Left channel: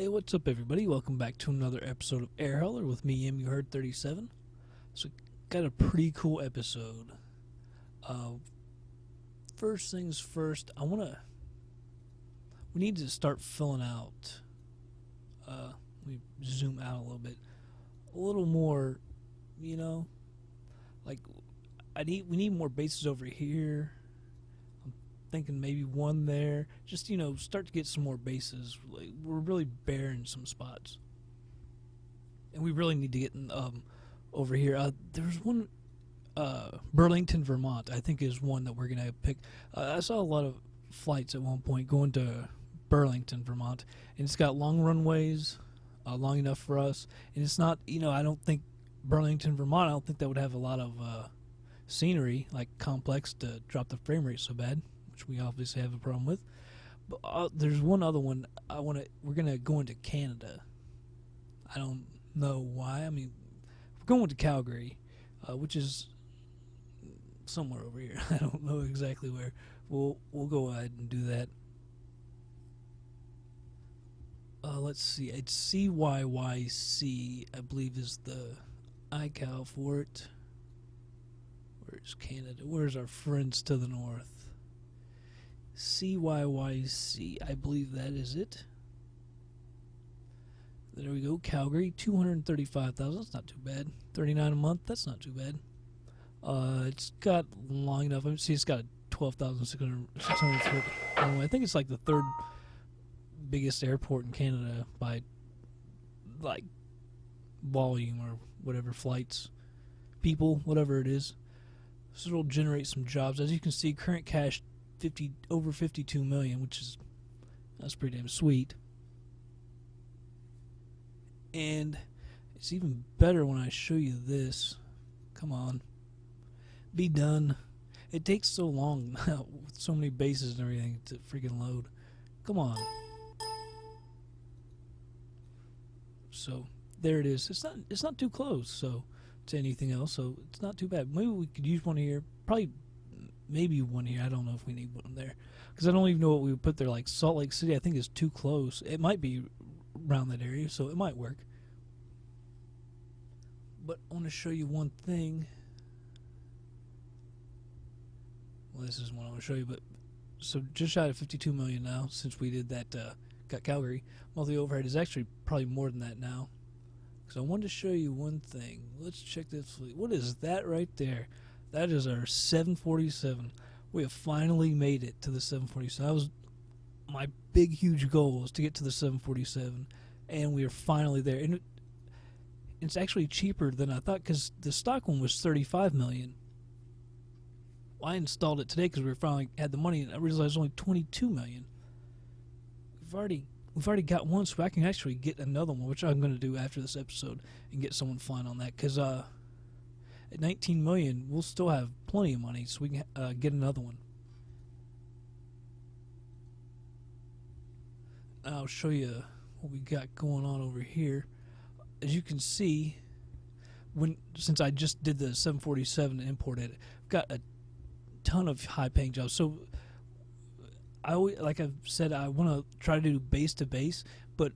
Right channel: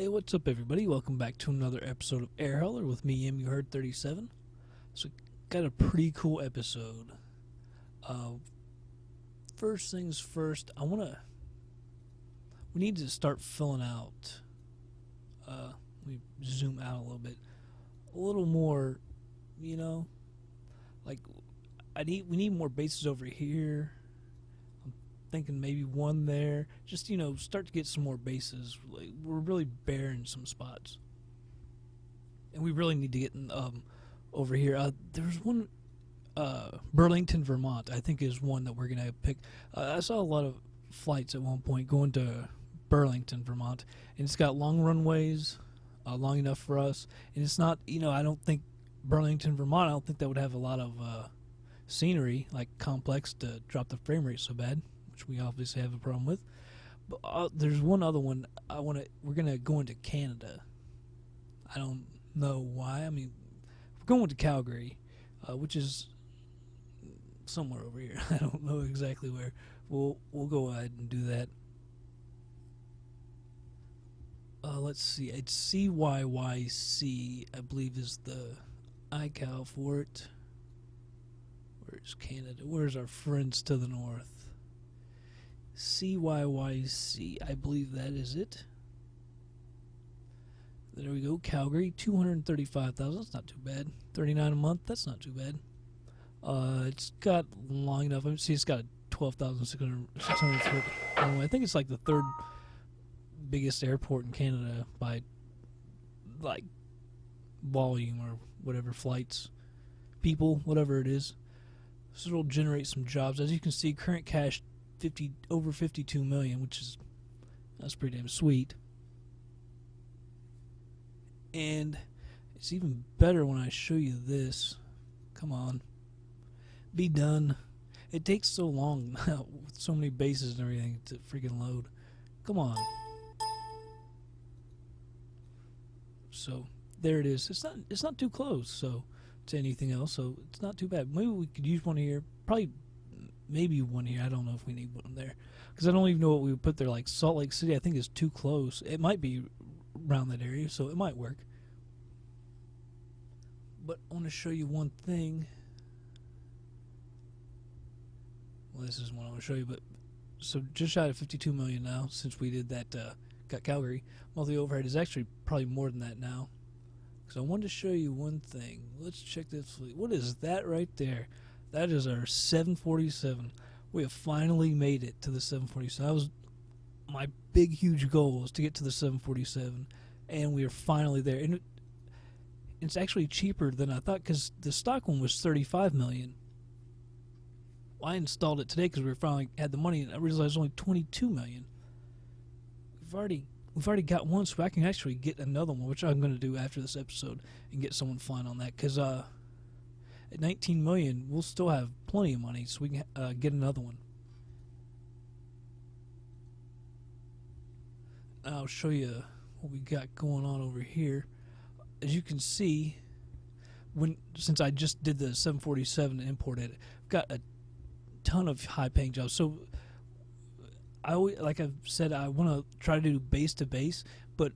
Hey, what's up, everybody? Welcome back to another episode of Air Hauler with me, You Heard 37. So, got a pretty cool episode. First things first, we need to start filling out. We zoom out a little bit, a little more. You know, like we need more bases over here. I'm thinking maybe one there. Just start to get some more bases. Like, we're really bare in some spots, and we really need to get in, over here. There's one, Burlington, Vermont. I think is one that we're gonna pick. I saw a lot of flights at one point going to Burlington, Vermont, and it's got long runways, long enough for us. And it's not, I don't think Burlington, Vermont. I don't think that would have a lot of scenery, like complex, to drop the frame rate so bad, which we obviously have a problem with. But there's one other one we're gonna go into Canada. I don't know why. I mean, we're going to Calgary, which is somewhere over here. I don't know exactly where. We'll go ahead and do that. Let's see. It's CYYC, I believe, is the iCal for it. Where's Canada? Where's our friends to the north? CYYC, I believe that is it. There we go. Calgary, 235,000. That's not too bad. 39 a month. That's not too bad. It's got long enough. See, it's got 12,630. I think it's like the third biggest airport in Canada by like volume or whatever, flights, people, whatever it is. So it'll generate some jobs. As you can see, current cash over 52 million, that's pretty damn sweet. And it's even better when I show you this. Come on, be done. It takes so long with so many bases and everything to freaking load. Come on. So there it is. It's not too close to anything else, so it's not too bad. Maybe we could use one here. Maybe one here. I don't know if we need one there, because I don't even know what we would put there. Like Salt Lake City, I think is too close. It might be around that area, so it might work. But I want to show you one thing. Well, this is one I want to show you, but so just shy of 52 million now since we did that. Got Calgary. Monthly overhead is actually probably more than that now. So I wanted to show you one thing. Let's check this fleet. What is that right there? That is our 747. We have finally made it to the 747. That was my big, huge goal, was to get to the 747, and we are finally there. And it's actually cheaper than I thought, because the stock one was 35 million. Well, I installed it today because we finally had the money, and I realized it was only 22 million. We've already got one, so I can actually get another one, which I'm going to do after this episode, and get someone flying on that. Because at 19 million, we'll still have plenty of money, so we can get another one. I'll show you what we got going on over here. As you can see, since I just did the 747 and imported it, I've got a ton of high-paying jobs. So like I've said, I want to try to do base to base, but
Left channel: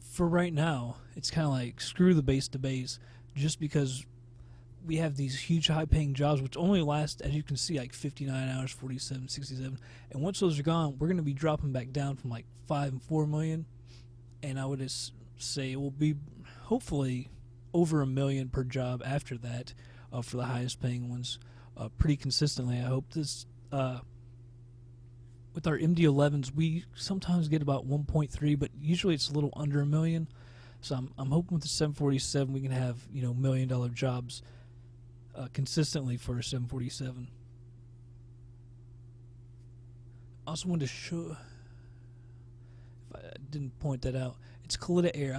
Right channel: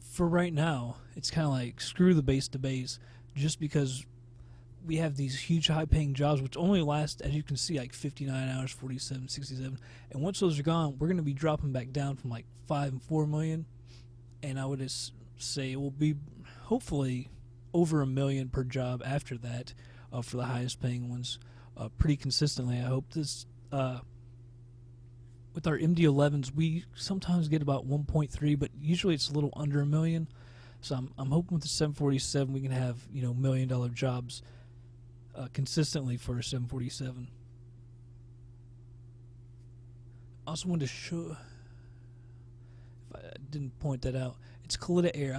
for right now, it's kind of like screw the base to base, just because we have these huge high-paying jobs, which only last, as you can see, like 59 hours, 47, 67, and once those are gone, we're going to be dropping back down from like 5 and 4 million, and I would just say it will be hopefully over $1 million per job after that, for the highest-paying ones, pretty consistently. I hope this. With our MD-11s, we sometimes get about 1.3, but usually it's a little under $1 million. So I'm hoping with the 747 we can have $1 million jobs consistently for a 747. I also wanted to show, if I didn't point that out, it's Kalitta Air.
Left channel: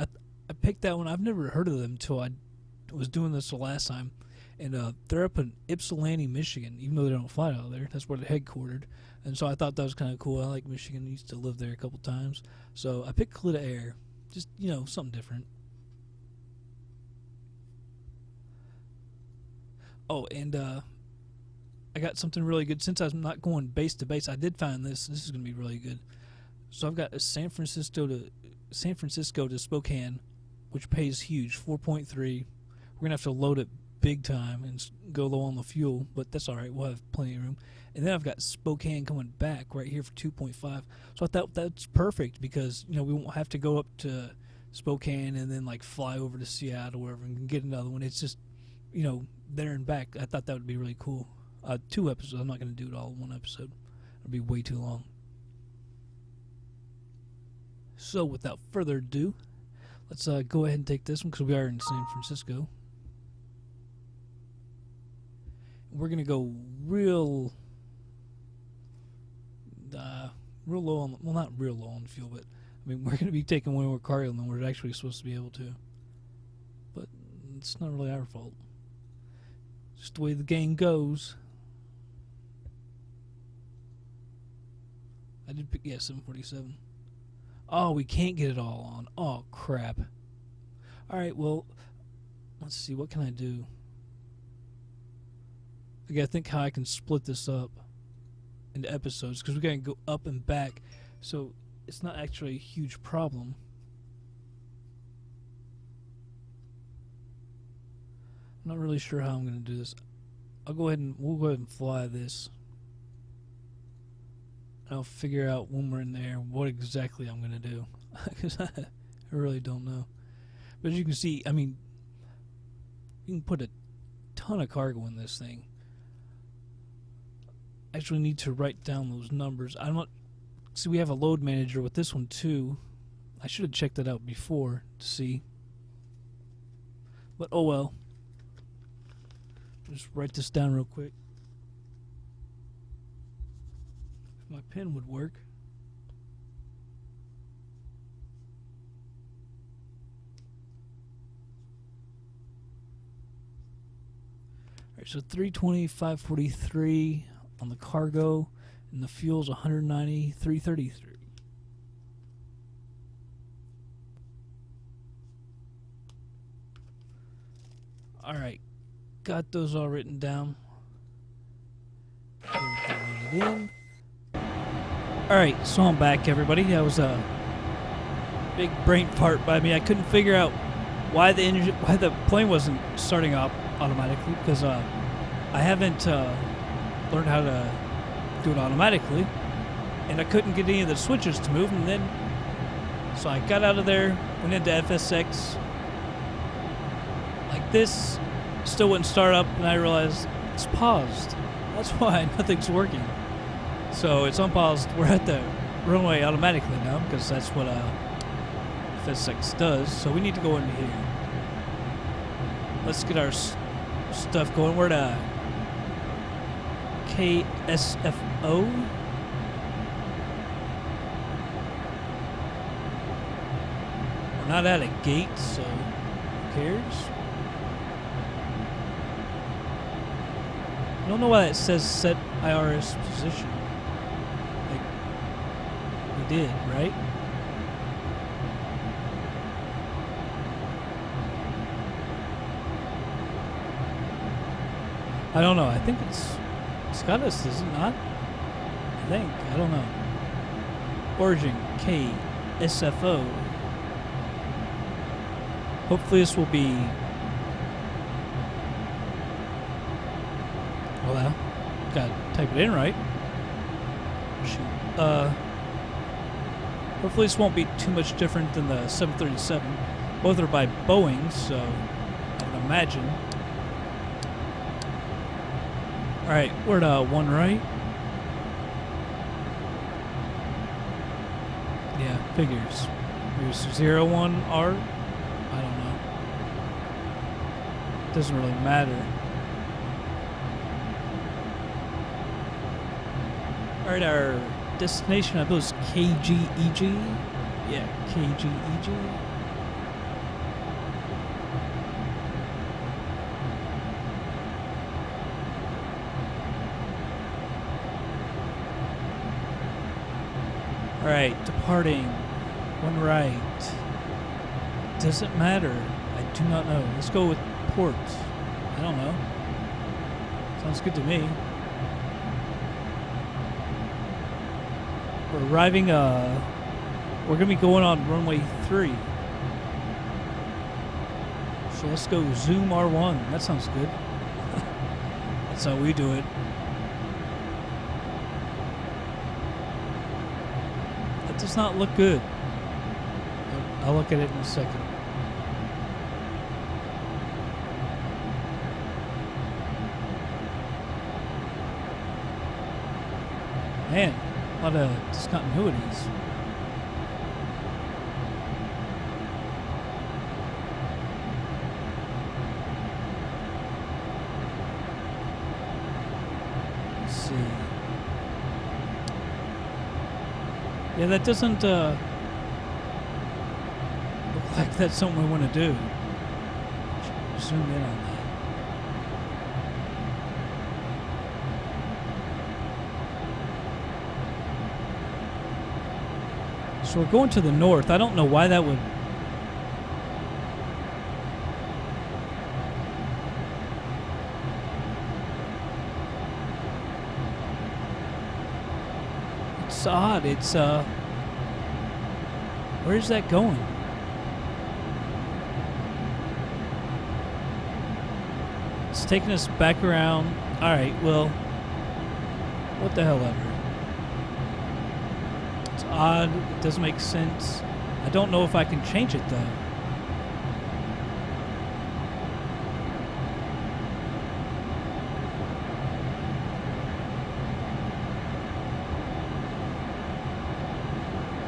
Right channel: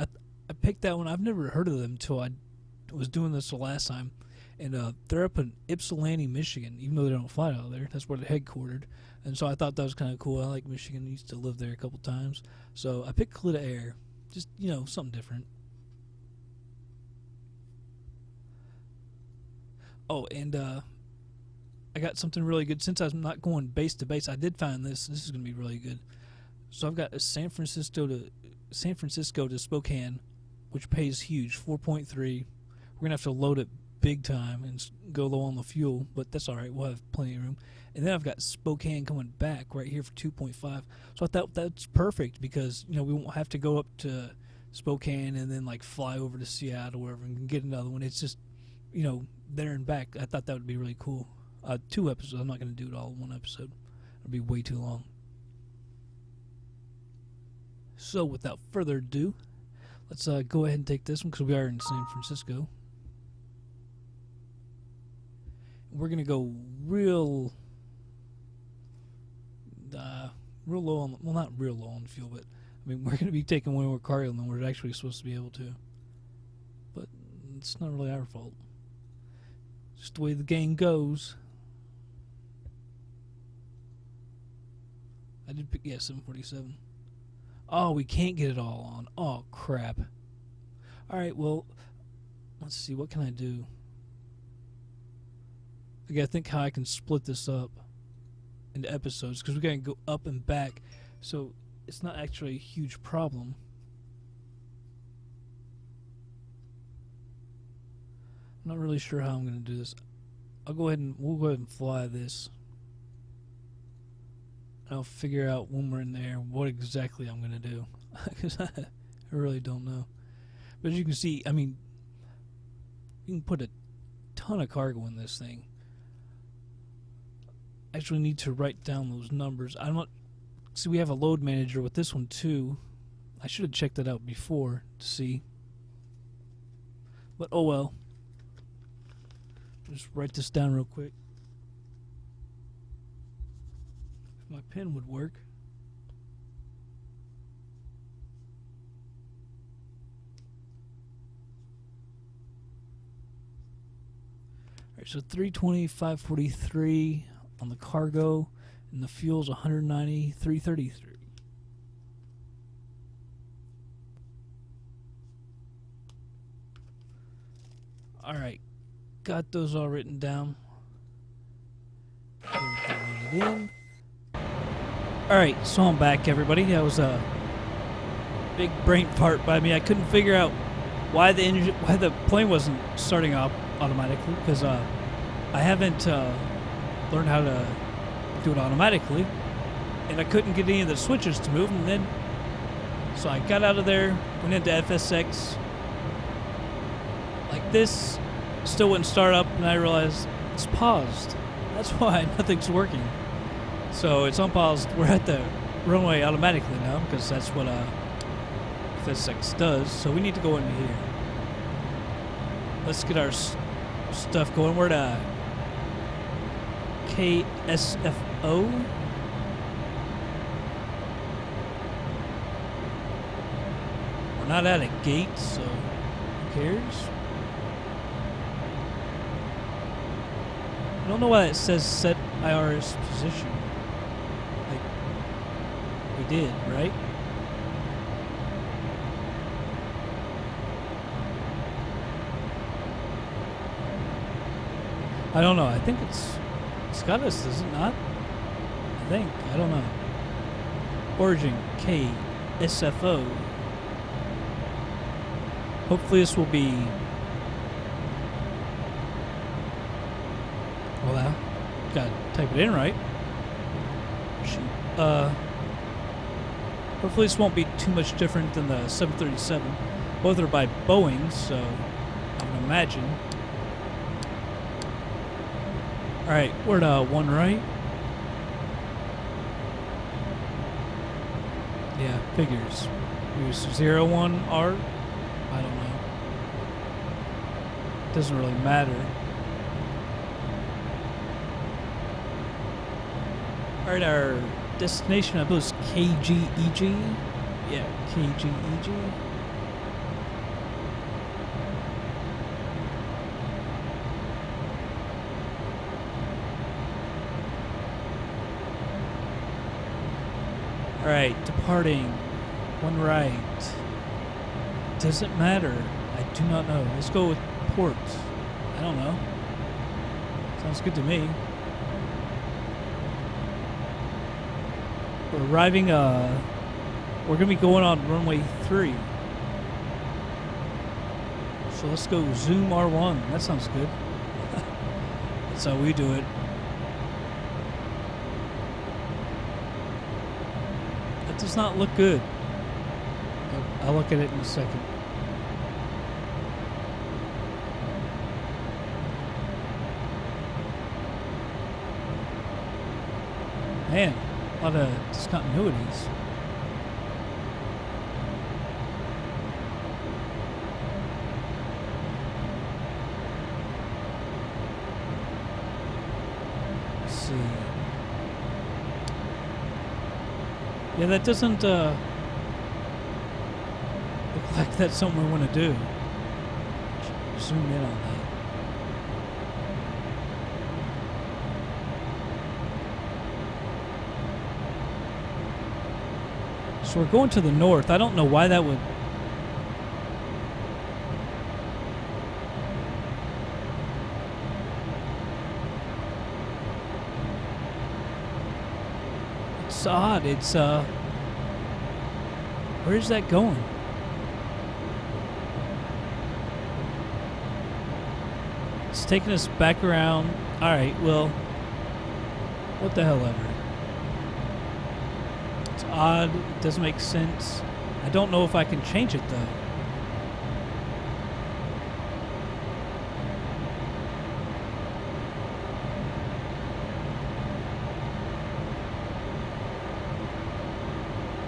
I picked that one. I've never heard of them until I was doing this the last time. And they're up in Ypsilanti, Michigan, even though they don't fly out there. That's where they're headquartered. And so I thought that was kind of cool. I like Michigan. I used to live there a couple times. So I picked Kalitta Air. Just, something different. Oh, and I got something really good. Since I'm not going base to base, I did find this. This is going to be really good. So I've got a San Francisco to San Francisco to Spokane, which pays huge, 4.3. We're going to have to load it big time and go low on the fuel, but that's all right. We'll have plenty of room. And then I've got Spokane coming back right here for 2.5. So I thought that's perfect because, you know, we won't have to go up to Spokane and then, like, fly over to Seattle or wherever and get another one. It's just, you know, there and back. I thought that would be really cool. 2 episodes. I'm not going to do it all in 1 episode. It'll be way too long. So without further ado, let's go ahead and take this one because we are in San Francisco. We're going to go real low on, well, not real low on fuel, but I mean, we're going to be taking way more cargo than we're actually supposed to be able to. But it's not really our fault. Just the way the game goes. I did pick, yeah, 747. Oh, we can't get it all on. Oh, crap. Alright, well, let's see, what can I do? I gotta think how I can split this up into episodes, because we gotta go up and back, so it's not actually a huge problem. I'm not really sure how I'm gonna do this. We'll go ahead and fly this. I'll figure out when we're in there what exactly I'm gonna do, because I really don't know. But as you can see, I mean, you can put a ton of cargo in this thing. I actually need to write down those numbers. I'm not. See, we have a load manager with this one too. I should have checked that out before to see. But oh well. Just write this down real quick. If my pen would work. Alright, so 320, 543 on the cargo, and the fuel's 190, 333. Alright, got those all written down. Alright, so I'm back, everybody. That was a big brain fart by me. I couldn't figure out why the plane wasn't starting up automatically, because I haven't learned how to do it automatically, and I couldn't get any of the switches to move. And then so I got out of there, went into FSX like this, still wouldn't start up, and I realized it's paused. That's why nothing's working. So it's unpaused. We're at the runway automatically now, because that's what FSX does. So we need to go into here. Let's get our stuff going. We're at KSFO. We're not at a gate, so who cares? I don't know why it says set IRS position. Like, we did, right? I don't know. I think it's Scottish, is it not? I think. I don't know. Origin KSFO. Hopefully this will be... Well, gotta type it in right. Shoot. Hopefully this won't be too much different than the 737. Both are by Boeing, so I would imagine. Alright, we're at 1 right. Yeah, figures. Here's 01 R. I don't know. Doesn't really matter. Alright, our destination, I believe, is KGEG. Yeah, KGEG. Alright, departing. 1 right. Doesn't matter. I do not know. Let's go with port. I don't know. Sounds good to me. We're arriving We're going to be going on runway 3. So let's go zoom R1. That sounds good. That's how we do it. That does not look good. But I'll look at it in a second. Man, a lot of discontinuities. Let's see. Yeah, that doesn't look like that's something we want to do. Zoom in on that. So we're going to the north. I don't know why that would... It's odd. It's, where's that going? It's taking us back around. Alright, well... What the hell ever. Odd. It doesn't make sense. I don't know if I can change it though.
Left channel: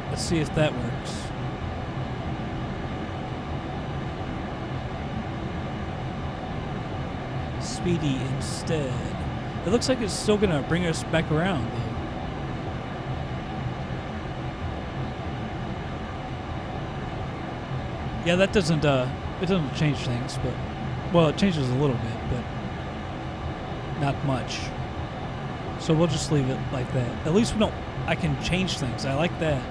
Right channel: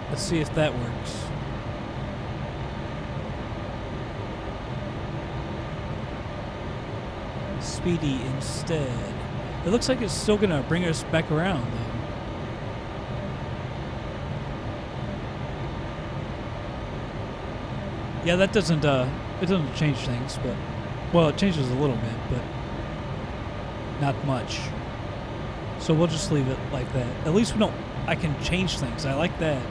Let's see if that works. Speedy instead. It looks like it's still gonna bring us back around though. Yeah, that doesn't, it doesn't change things, but, well, it changes a little bit, but not much. So we'll just leave it like that. At least we don't, I can change things. I like that.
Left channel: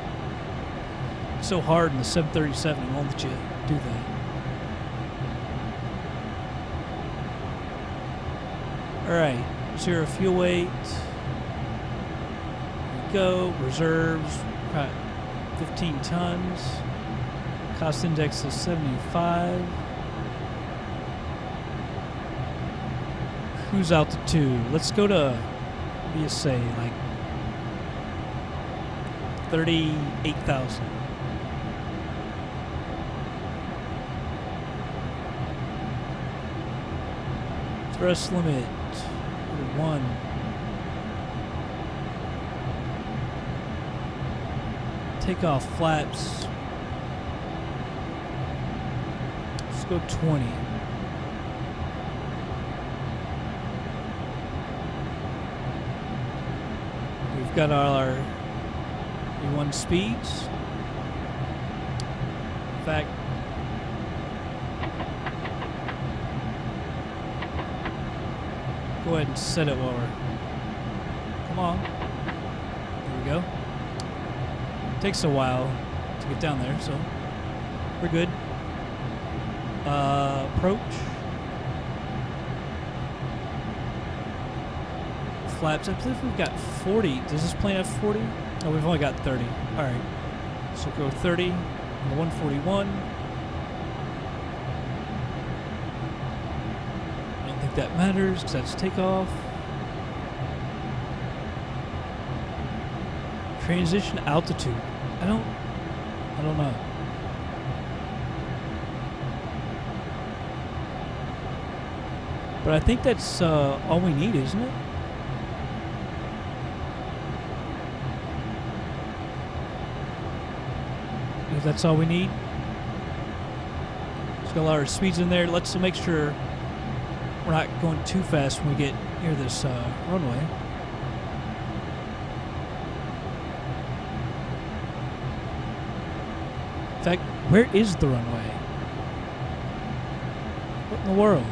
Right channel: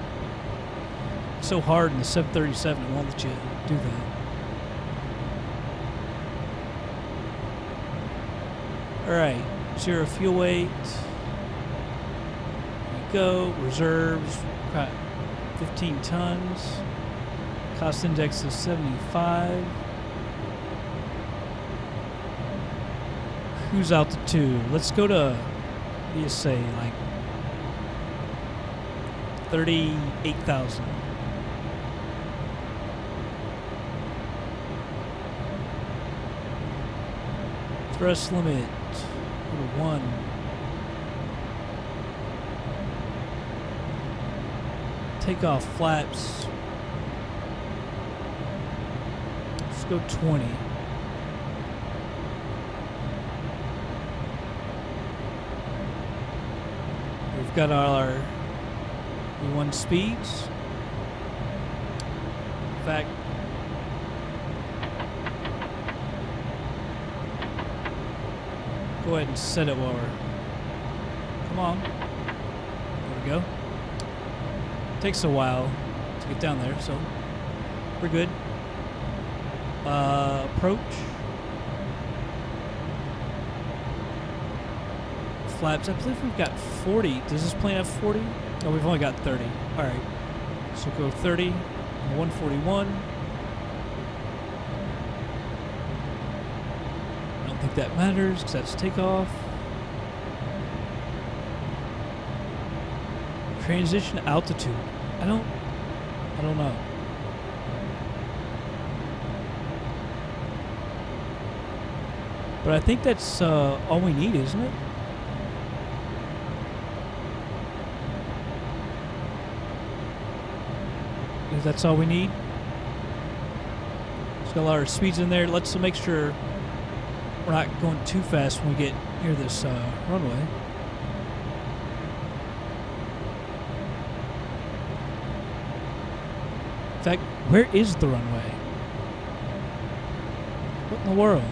It's so hard in the 737, it won't let you do that. All right, 0 fuel weight. Here we go, reserves, 15 tons. Cost index is 75. Cruise altitude. Let's go to, what do you say, like 38,000. Thrust limit, go to 1. Takeoff flaps. Go 20. We've got our E1 speeds. In fact, go ahead and set it while we're... Come on. There we go. Takes a while to get down there, so we're good. Approach. Flaps. I believe we've got 40. Does this plane have 40? No, we've only got 30. Alright. So go 30. 141. I don't think that matters because that's takeoff. Transition altitude. I don't know. But I think that's all we need, isn't it? If that's all we need. It's got a lot of speeds in there. Let's make sure we're not going too fast when we get near this runway. In fact, where is the runway? What in the world?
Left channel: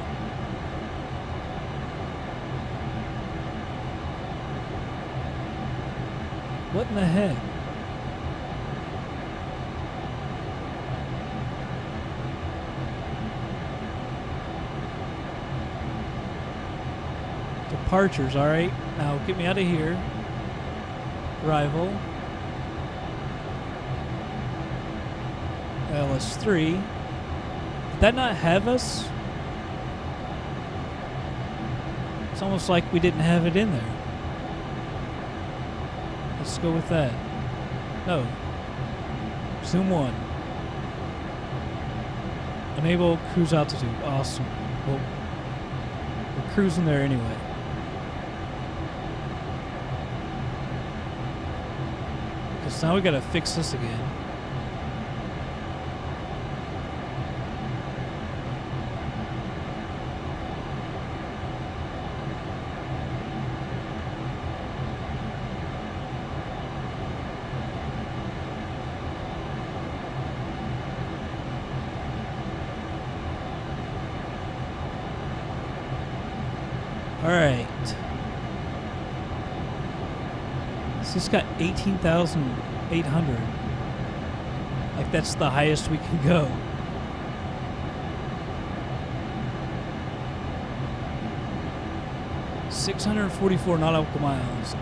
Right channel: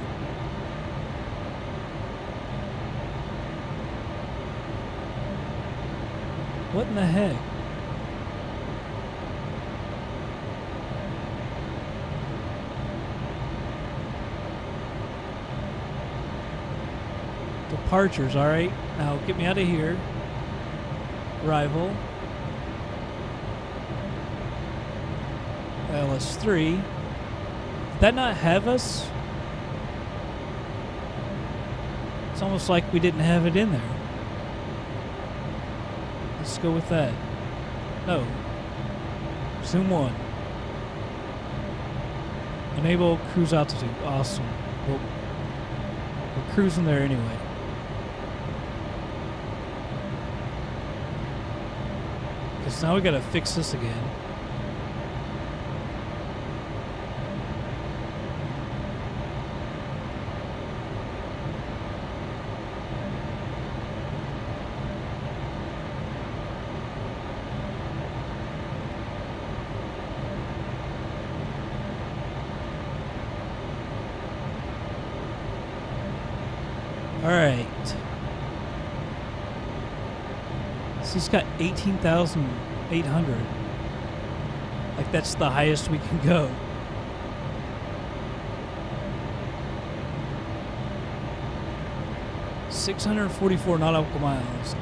What in the heck? Departures, alright. Now get me out of here. Arrival. LS3. Did that not have us? It's almost like we didn't have it in there. Let's go with that. No. Zoom 1. Enable cruise altitude. Awesome. Well, we're cruising there anyway. Because now we gotta fix this again. Alright. So it's got 18,800. Like, that's the highest we can go. $644 nautical miles.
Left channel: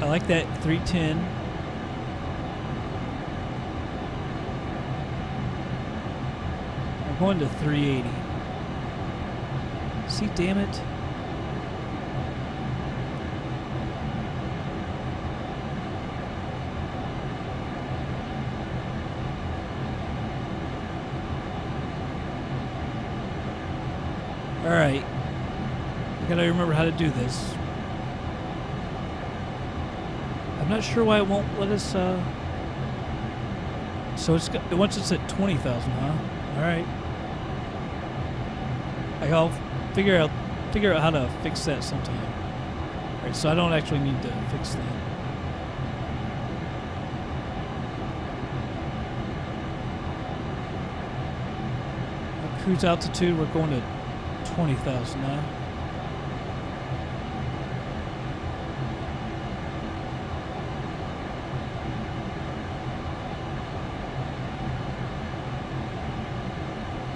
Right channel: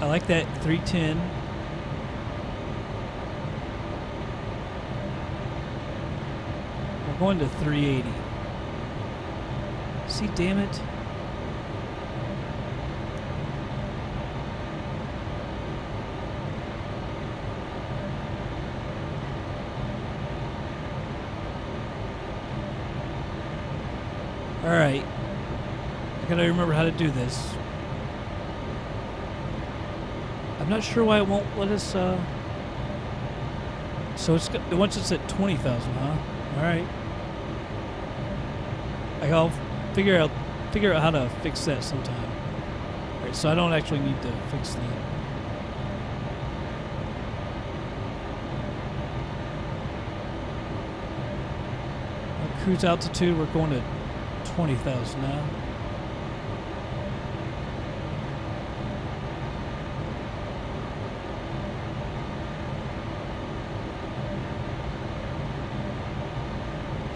I like that 310. We're going to 380. See, damn it. Alright. I gotta remember how to do this. I'm not sure why it won't let us, So once it's at 20,000, huh? Alright. I'll figure out how to fix that sometime. Alright, so I don't actually need to fix that. Our cruise altitude, we're going to 20,000 now.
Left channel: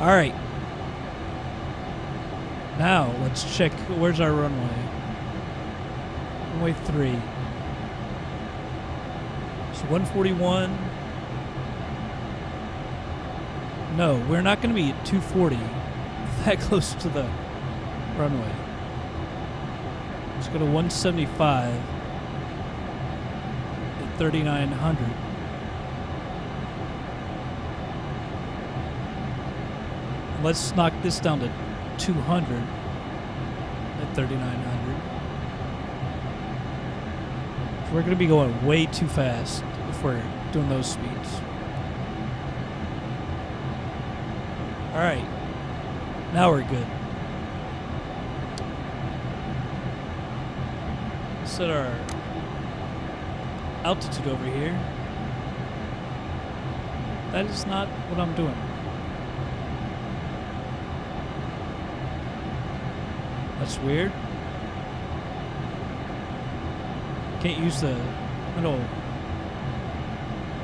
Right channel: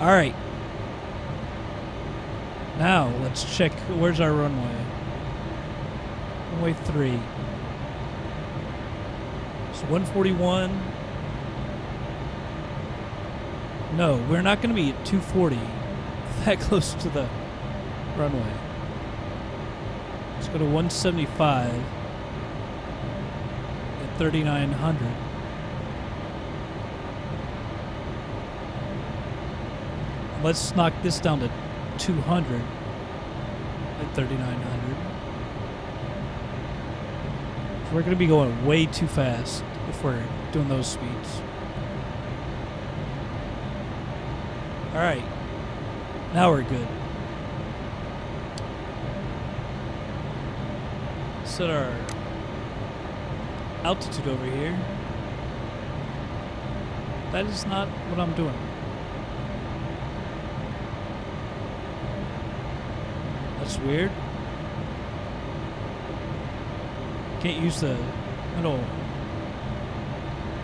Alright. Now, let's check. Where's our runway? Runway 3. So 141. No, we're not going to be at 240 that close to the runway. Let's go to 175 at 3,900. Let's knock this down to 200 at 3,900. So we're going to be going way too fast if we're doing those speeds. Alright. Now we're good. Set our altitude over here. That is not what I'm doing. That's weird. Can't use the little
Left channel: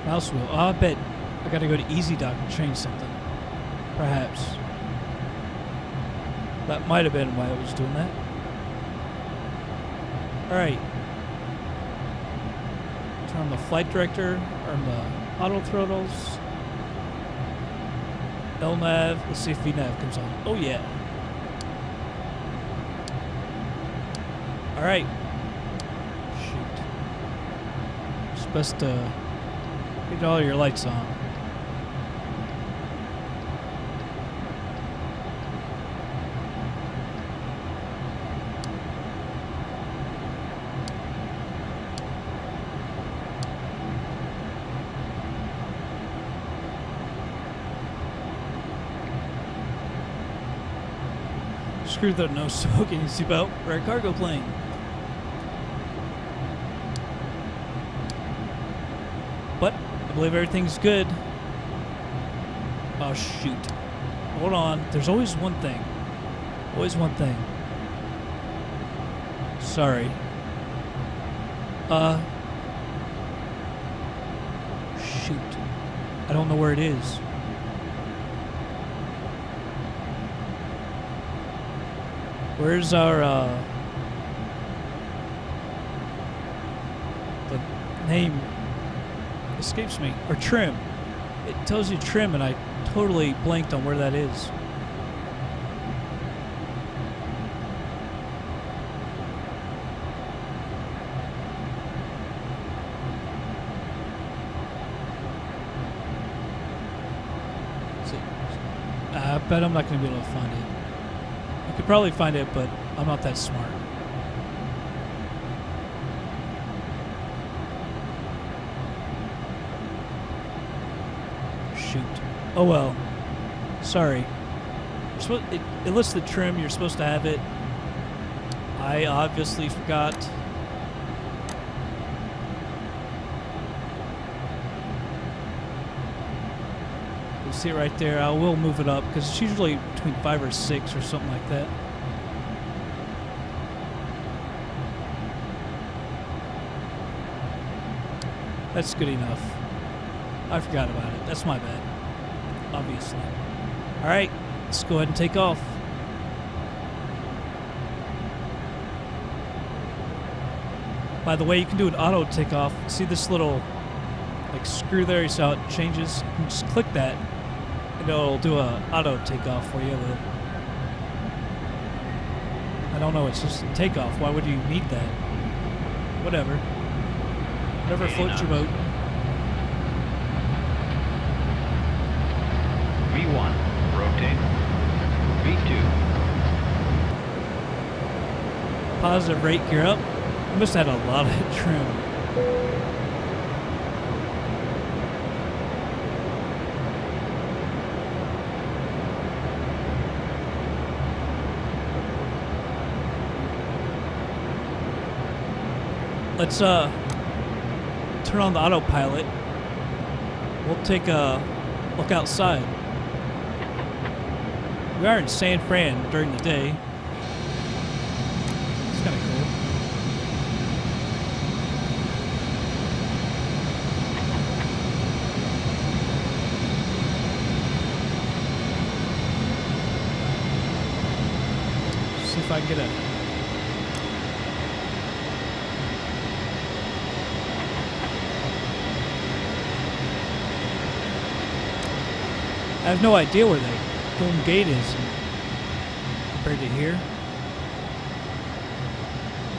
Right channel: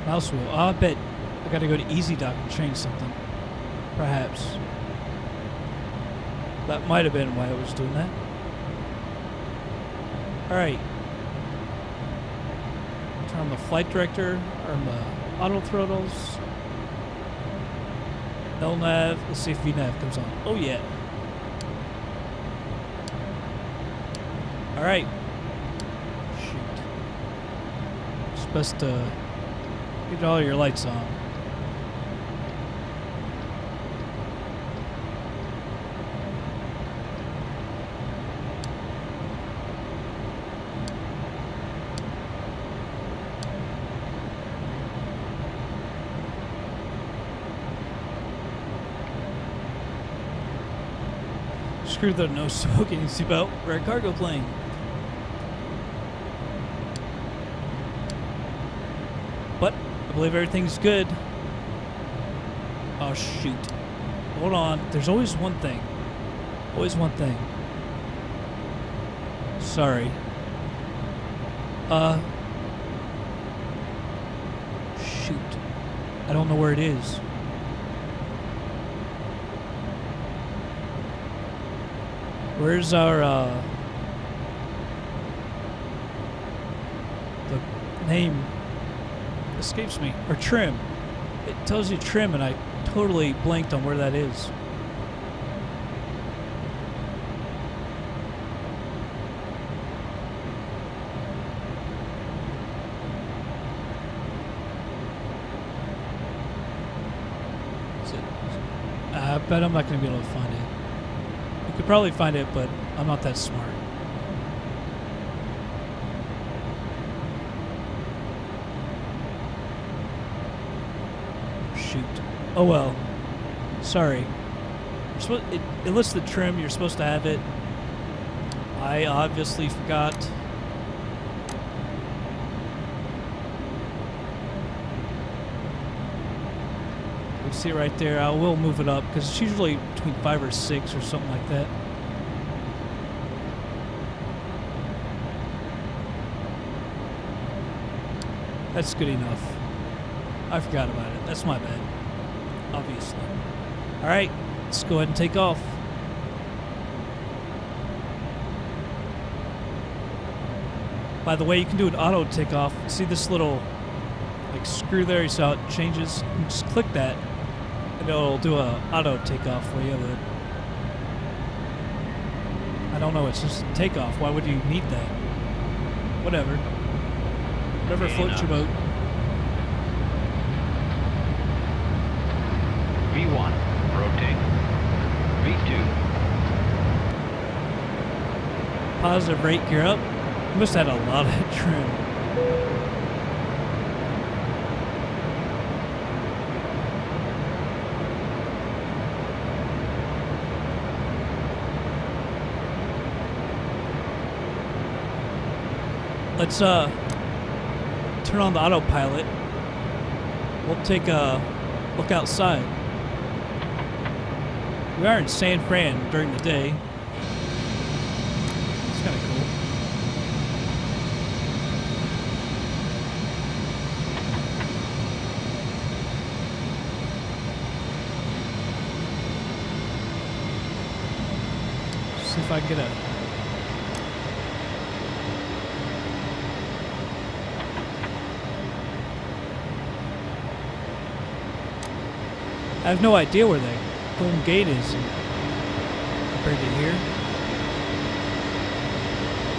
mouse wheel. Oh, I bet I gotta go to EZDok and change something. Perhaps. That might have been why I was doing that. Alright. Turn on the flight director, on the auto throttles. LNAV. Let's see if VNAV comes on. Oh yeah. Alright. Shoot. It's best to get all your lights on. Screw the no smoking seatbelt. We're a cargo plane. But I believe everything's good. Oh shoot. Hold on. There's always one thing. Always one thing. Sorry. Shoot. I don't know where it is. Where's our, the name escapes me. Or trim. It tells you trim, and I totally blanked on where that is. I bet I'm not going to be able to find it. You could probably find it, but I'm not that smart. Shoot. Oh well. Sorry. It lists the trim. You're supposed to have it. I obviously forgot. You see it right there. I will move it up because it's usually between 5 or 6 or something like that. That's good enough. I forgot about it. That's my bad. Obviously. Alright, let's go ahead and take off. By the way, you can do an auto takeoff. See this little like screw there? You see how it changes? You can just click that and it'll do a auto takeoff for you. But I don't know, it's just takeoff. Why would you need that? Whatever. Whatever floats your boat. V1, rotate. V2. Positive rate gear up. You must have had a lot of trim. Let's turn on the autopilot. We'll take a look outside. We are in San Fran during the day. It's kind of cool. See if I can get a... I have no idea where the Golden Gate is compared to here.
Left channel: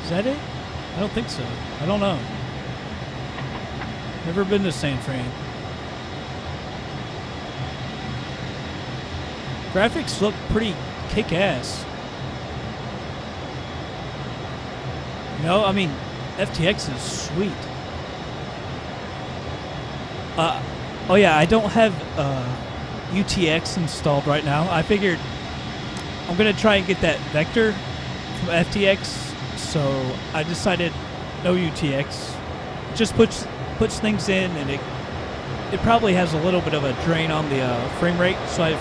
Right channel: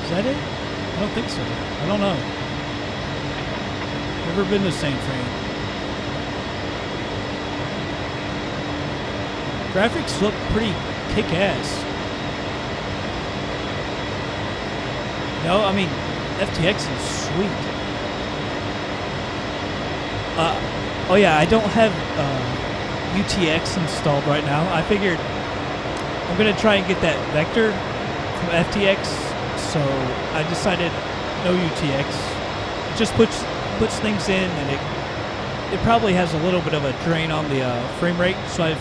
Is that it? I don't think so. I don't know. Never been to San Fran. Graphics look pretty kick-ass. No, I mean, FTX is sweet. Oh yeah, I don't have UTX installed right now. I figured I'm gonna try and get that vector from FTX, so I decided no UTX. It just puts things in, and it probably has a little bit of a drain on the frame rate, so I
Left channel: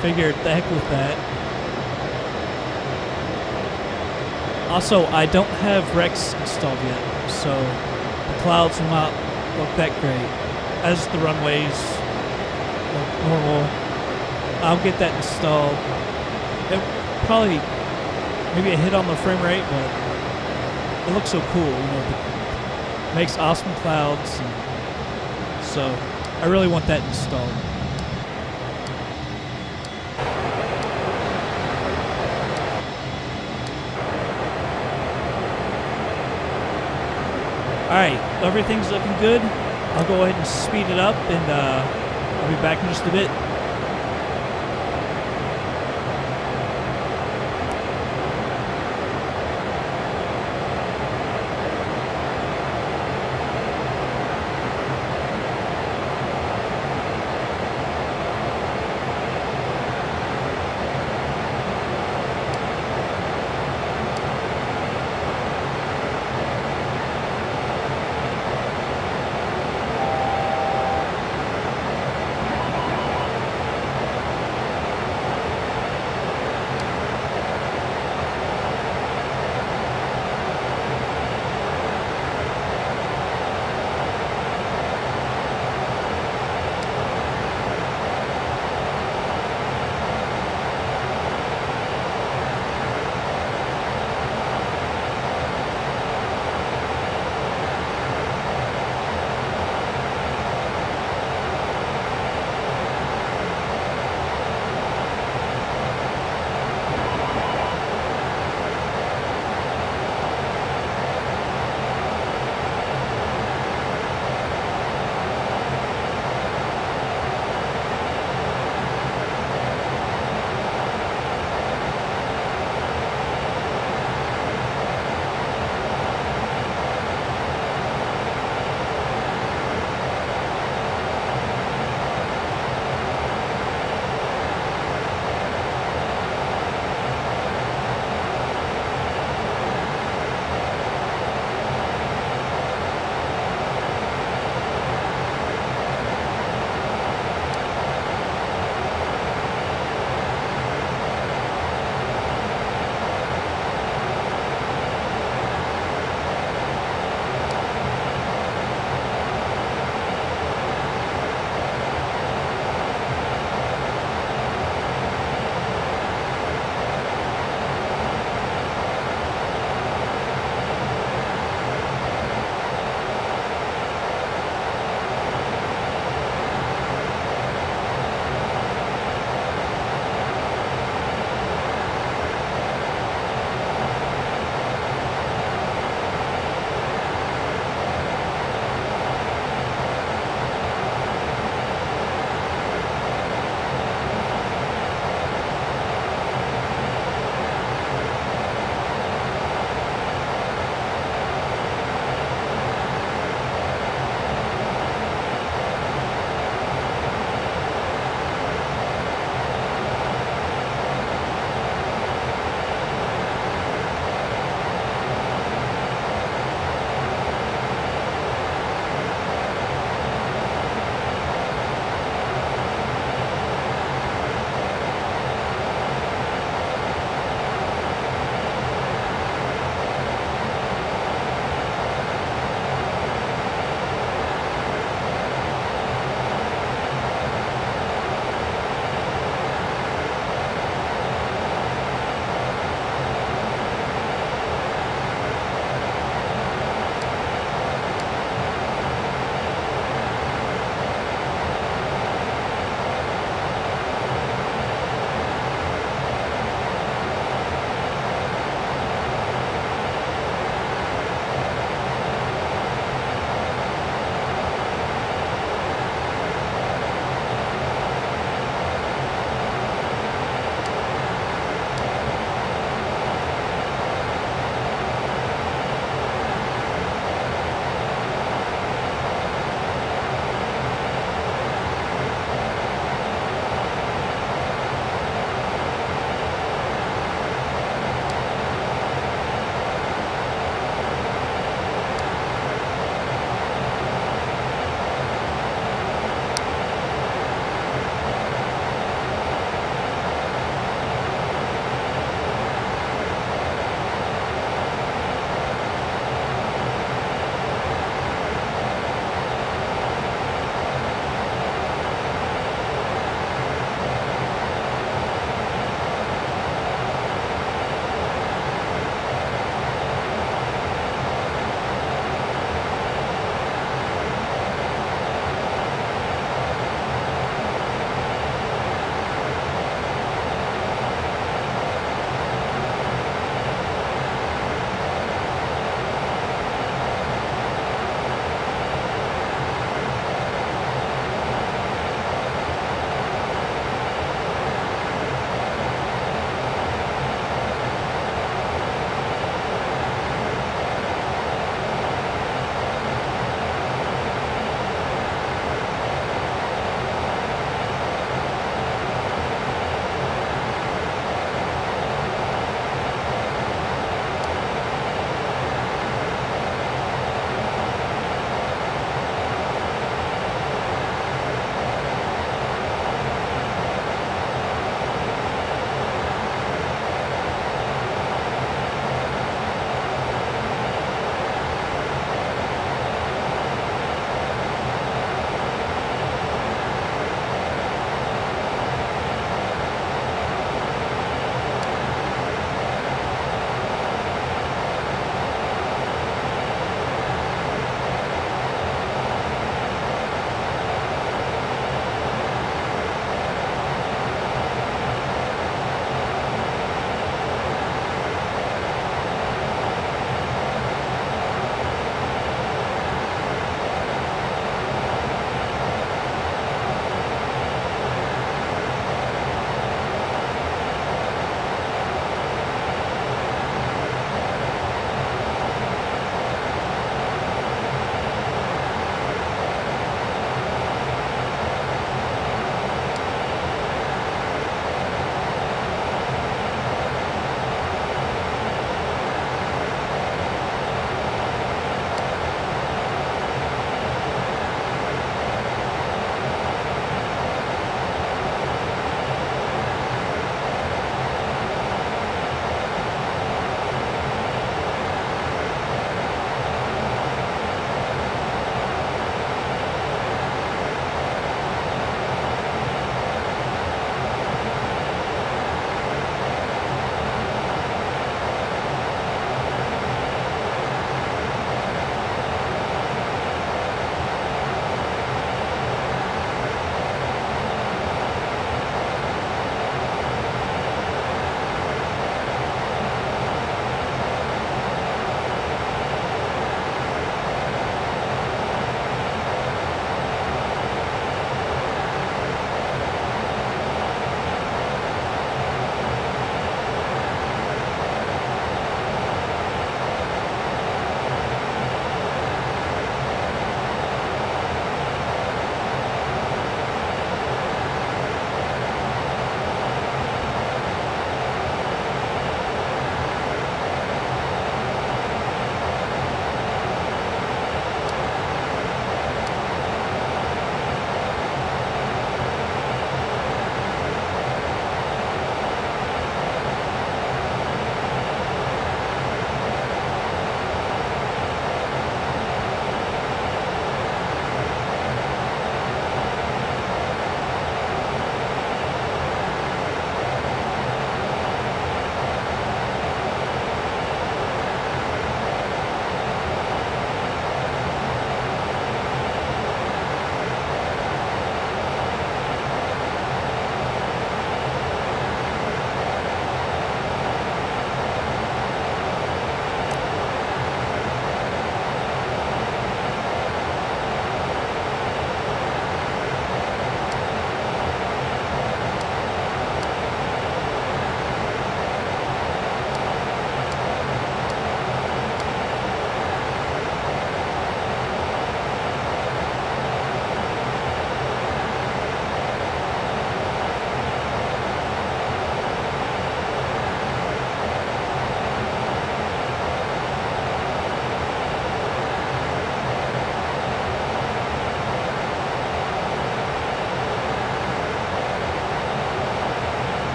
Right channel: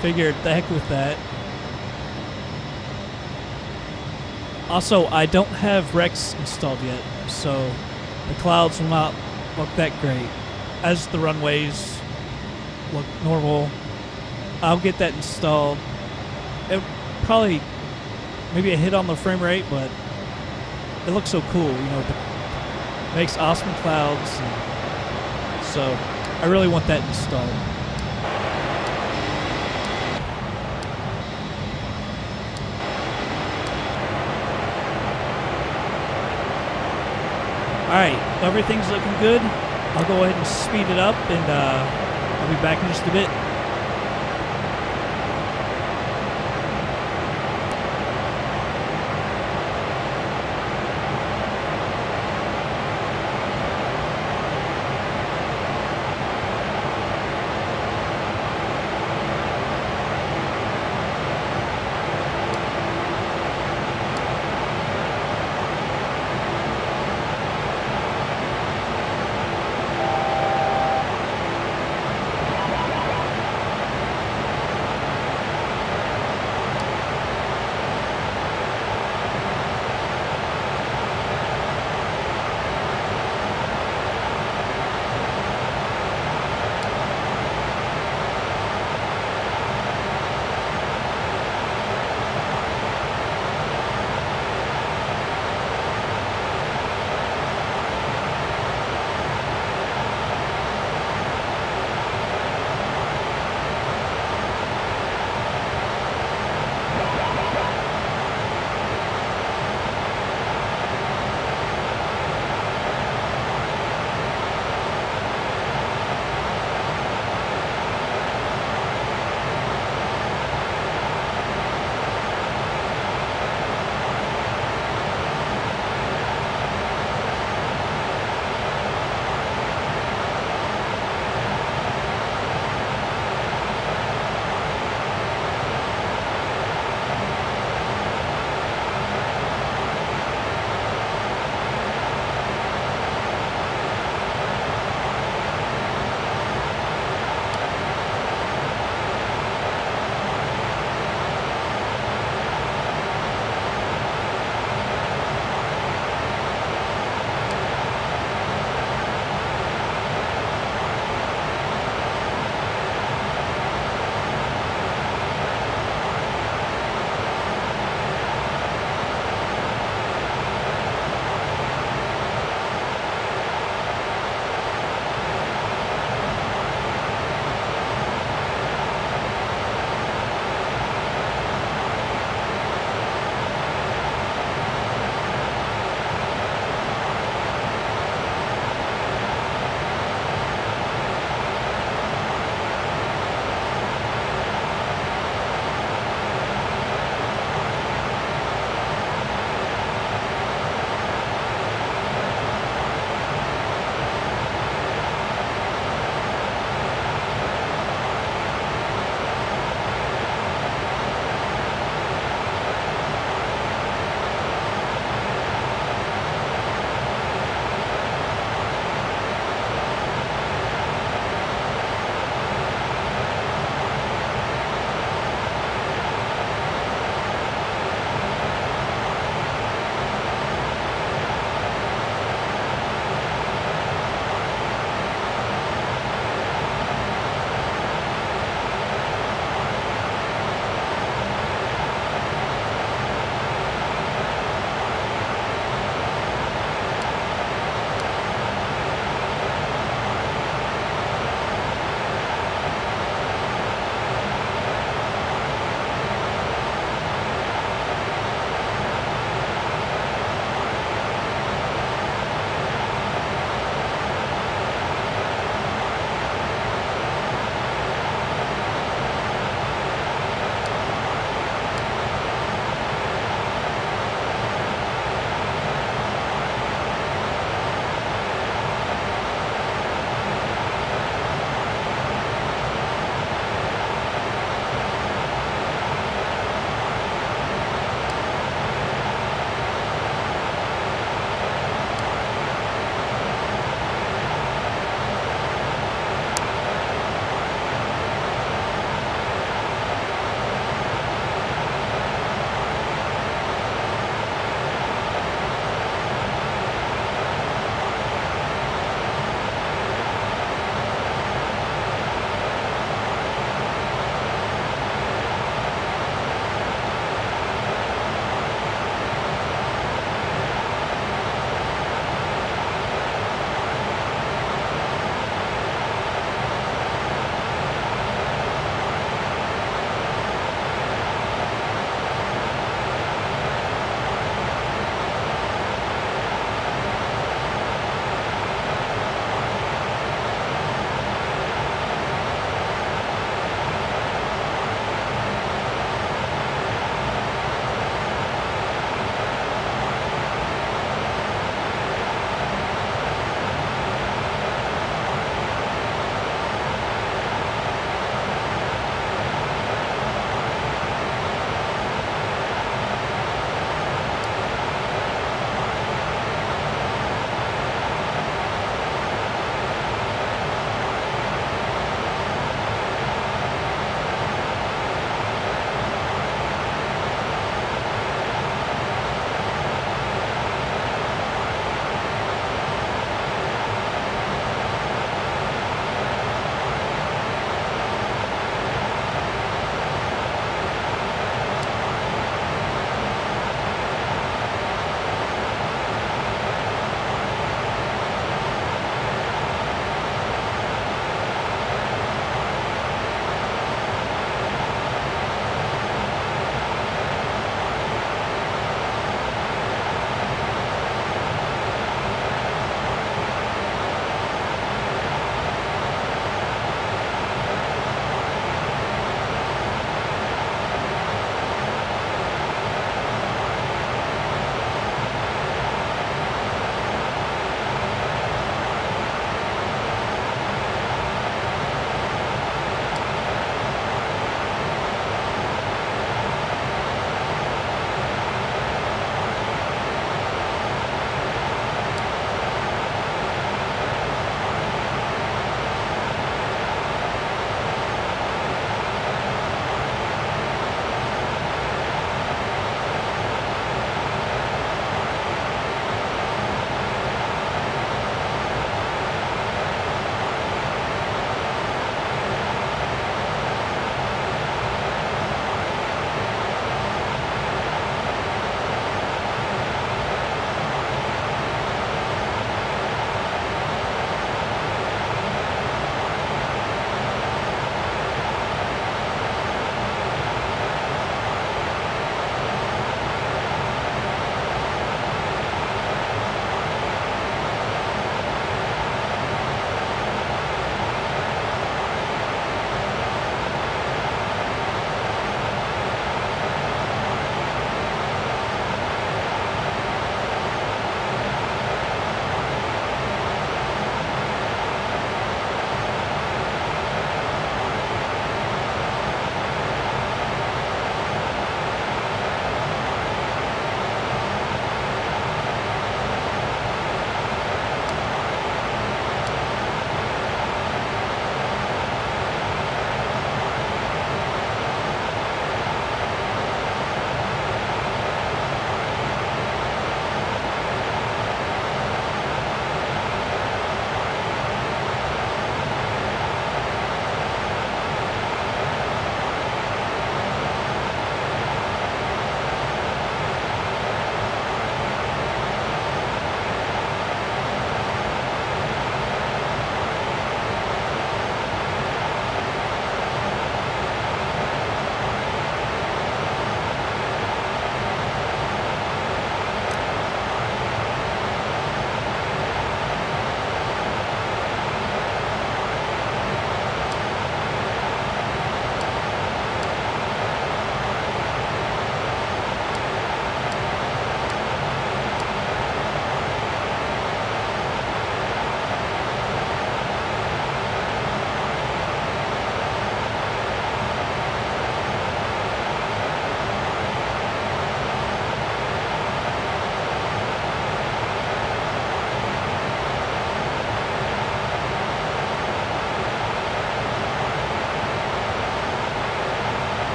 figured the heck with that. Also, I don't have Rex installed yet, so the clouds will not look that great. As the runways look normal, I'll get that installed. It probably maybe a hit on the frame rate, but it looks so cool, you know. It makes awesome clouds, and so I really want that installed. Alright, everything's looking good. I'll go ahead and speed it up, and I'll be back in just a bit.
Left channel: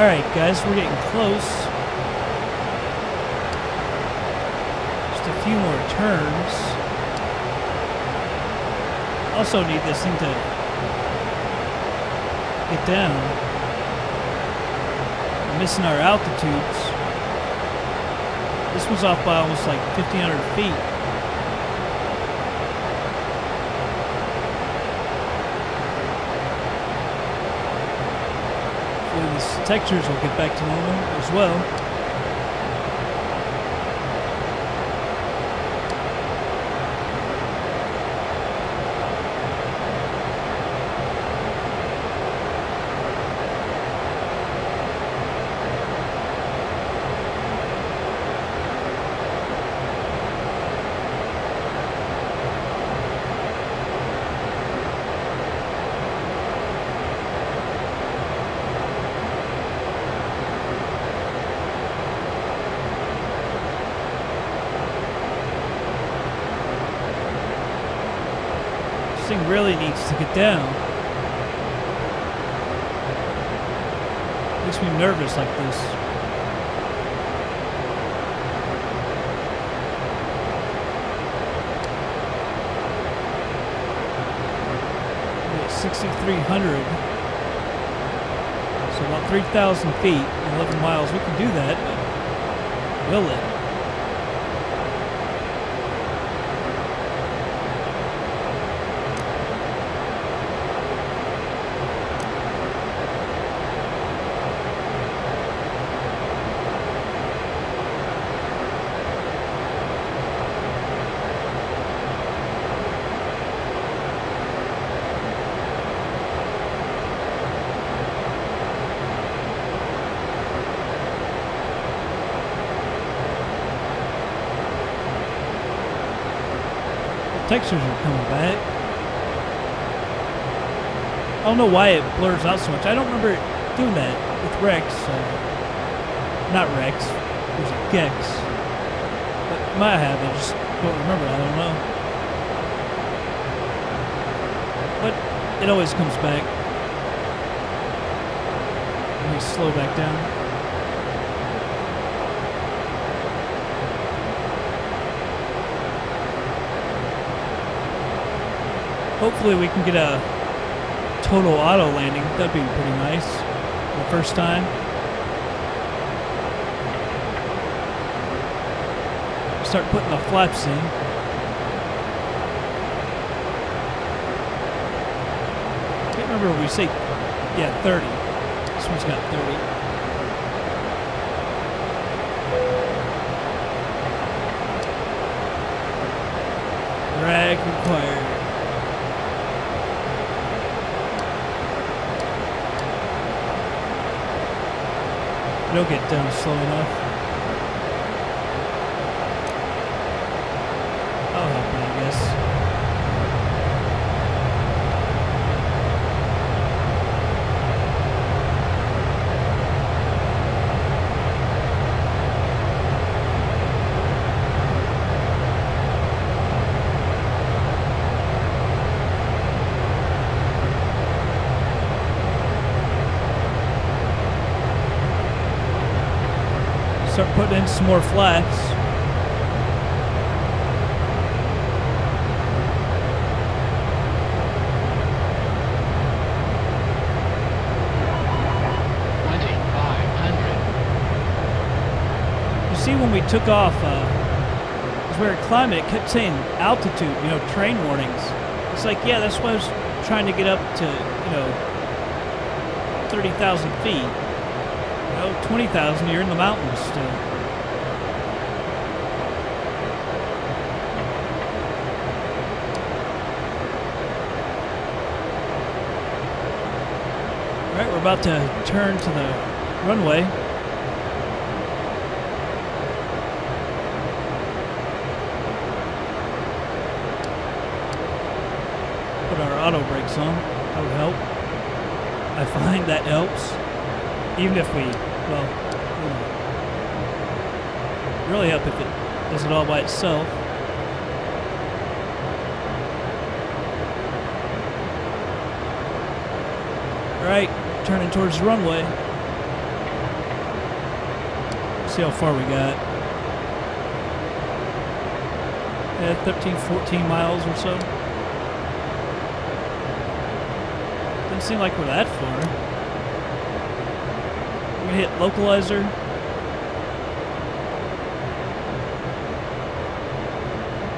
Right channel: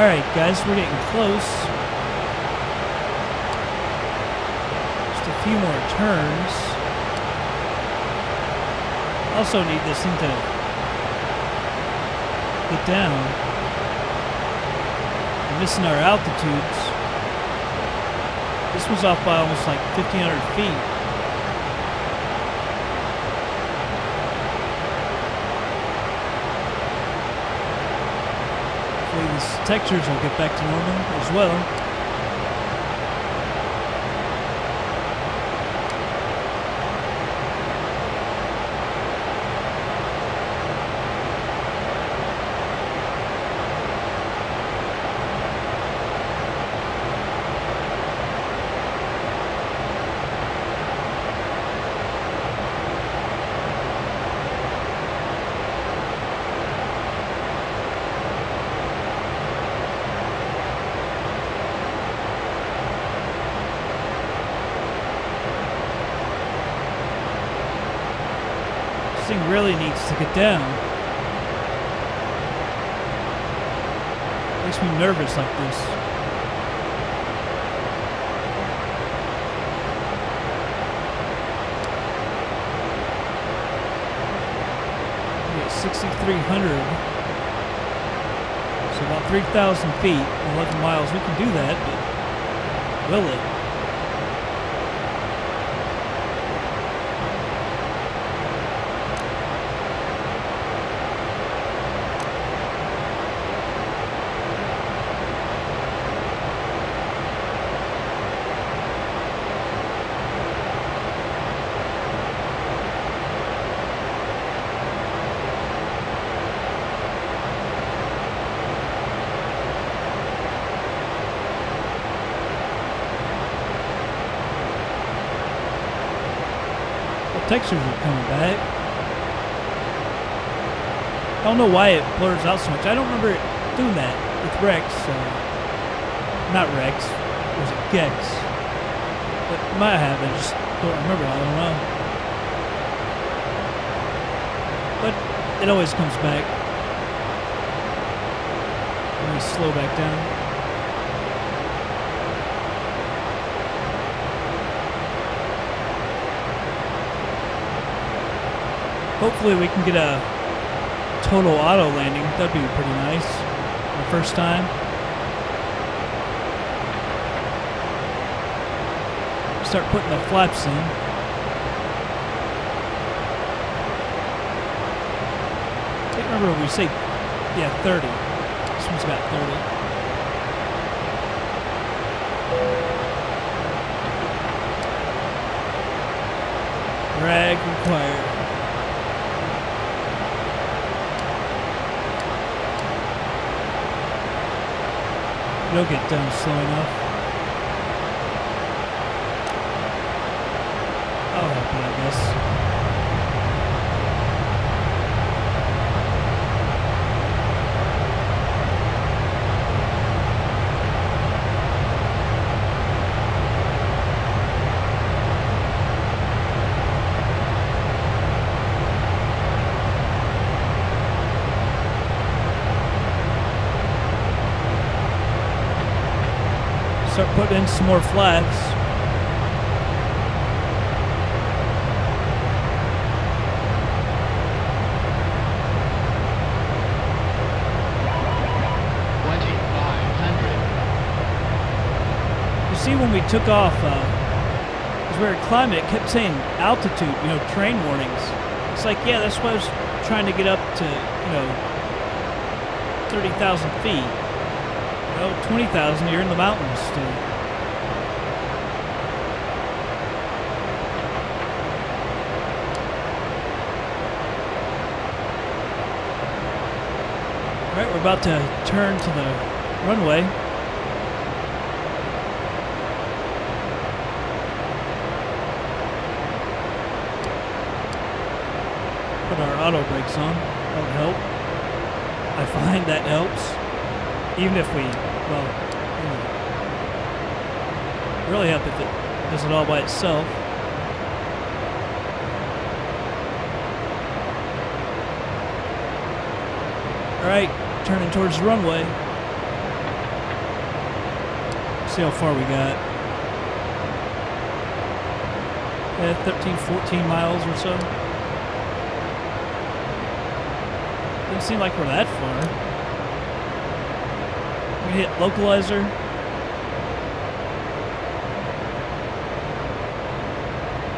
Alright, guys, we're getting close. Just a few more turns. Also need this thing to get down. We're missing our altitudes. This one's off by almost like 1,500 feet. Hopefully these textures will get back to normal as well. This thing really needs to get down. Makes me nervous like this. We get 6,300. So about 3,000 feet, 11 miles. We can do that, but will it? Textures are coming back. I don't know why it blurs out so much. I don't remember it doing that with Rex. Not Rex. Was it Gex? But it might have. I just don't remember. I don't know. But it always comes back. Let me slow back down. Hopefully we can get a total auto landing. That'd be pretty nice for the first time. Start putting the flaps in. Can't remember what we say. Yeah, 30. This one's got 30. Drag required. It'll get down slow enough. I'll help it, I guess. Start putting in some more flaps. You see, when we took off, as we were climbing, it kept saying altitude, you know, train warnings. It's like, yeah, that's why I was trying to get up to, you know, 30,000 feet. You know, 20,000, you're in the mountains still. All right, we're about to turn to the runway. Put our auto brakes on. That would help. I find that helps. Even if we, well, you know, really help if it does it all by itself. All right, turning towards the runway. See how far we got. 13, 14 miles or so. Doesn't seem like we're that far. I'm gonna hit localizer.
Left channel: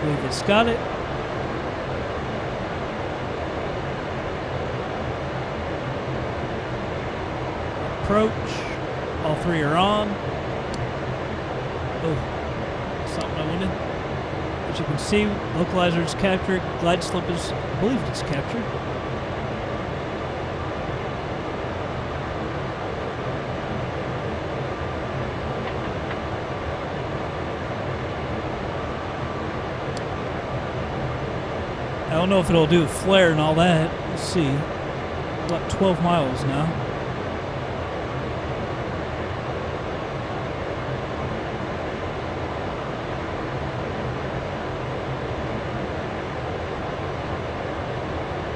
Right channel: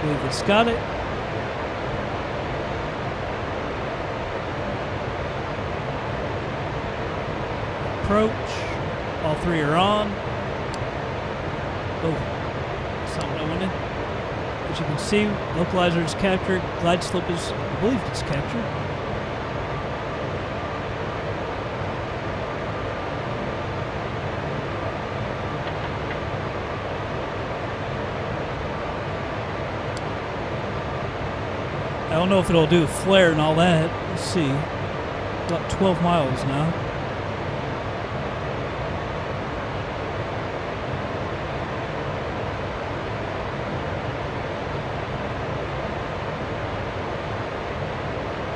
Believe it's got it. Approach. All three are on. Oh, that's not what I wanted. As you can see, localizer is captured. Glide slope is, I believe it's captured. I don't know if it'll do a flare and all that. Let's see. About 12 miles now.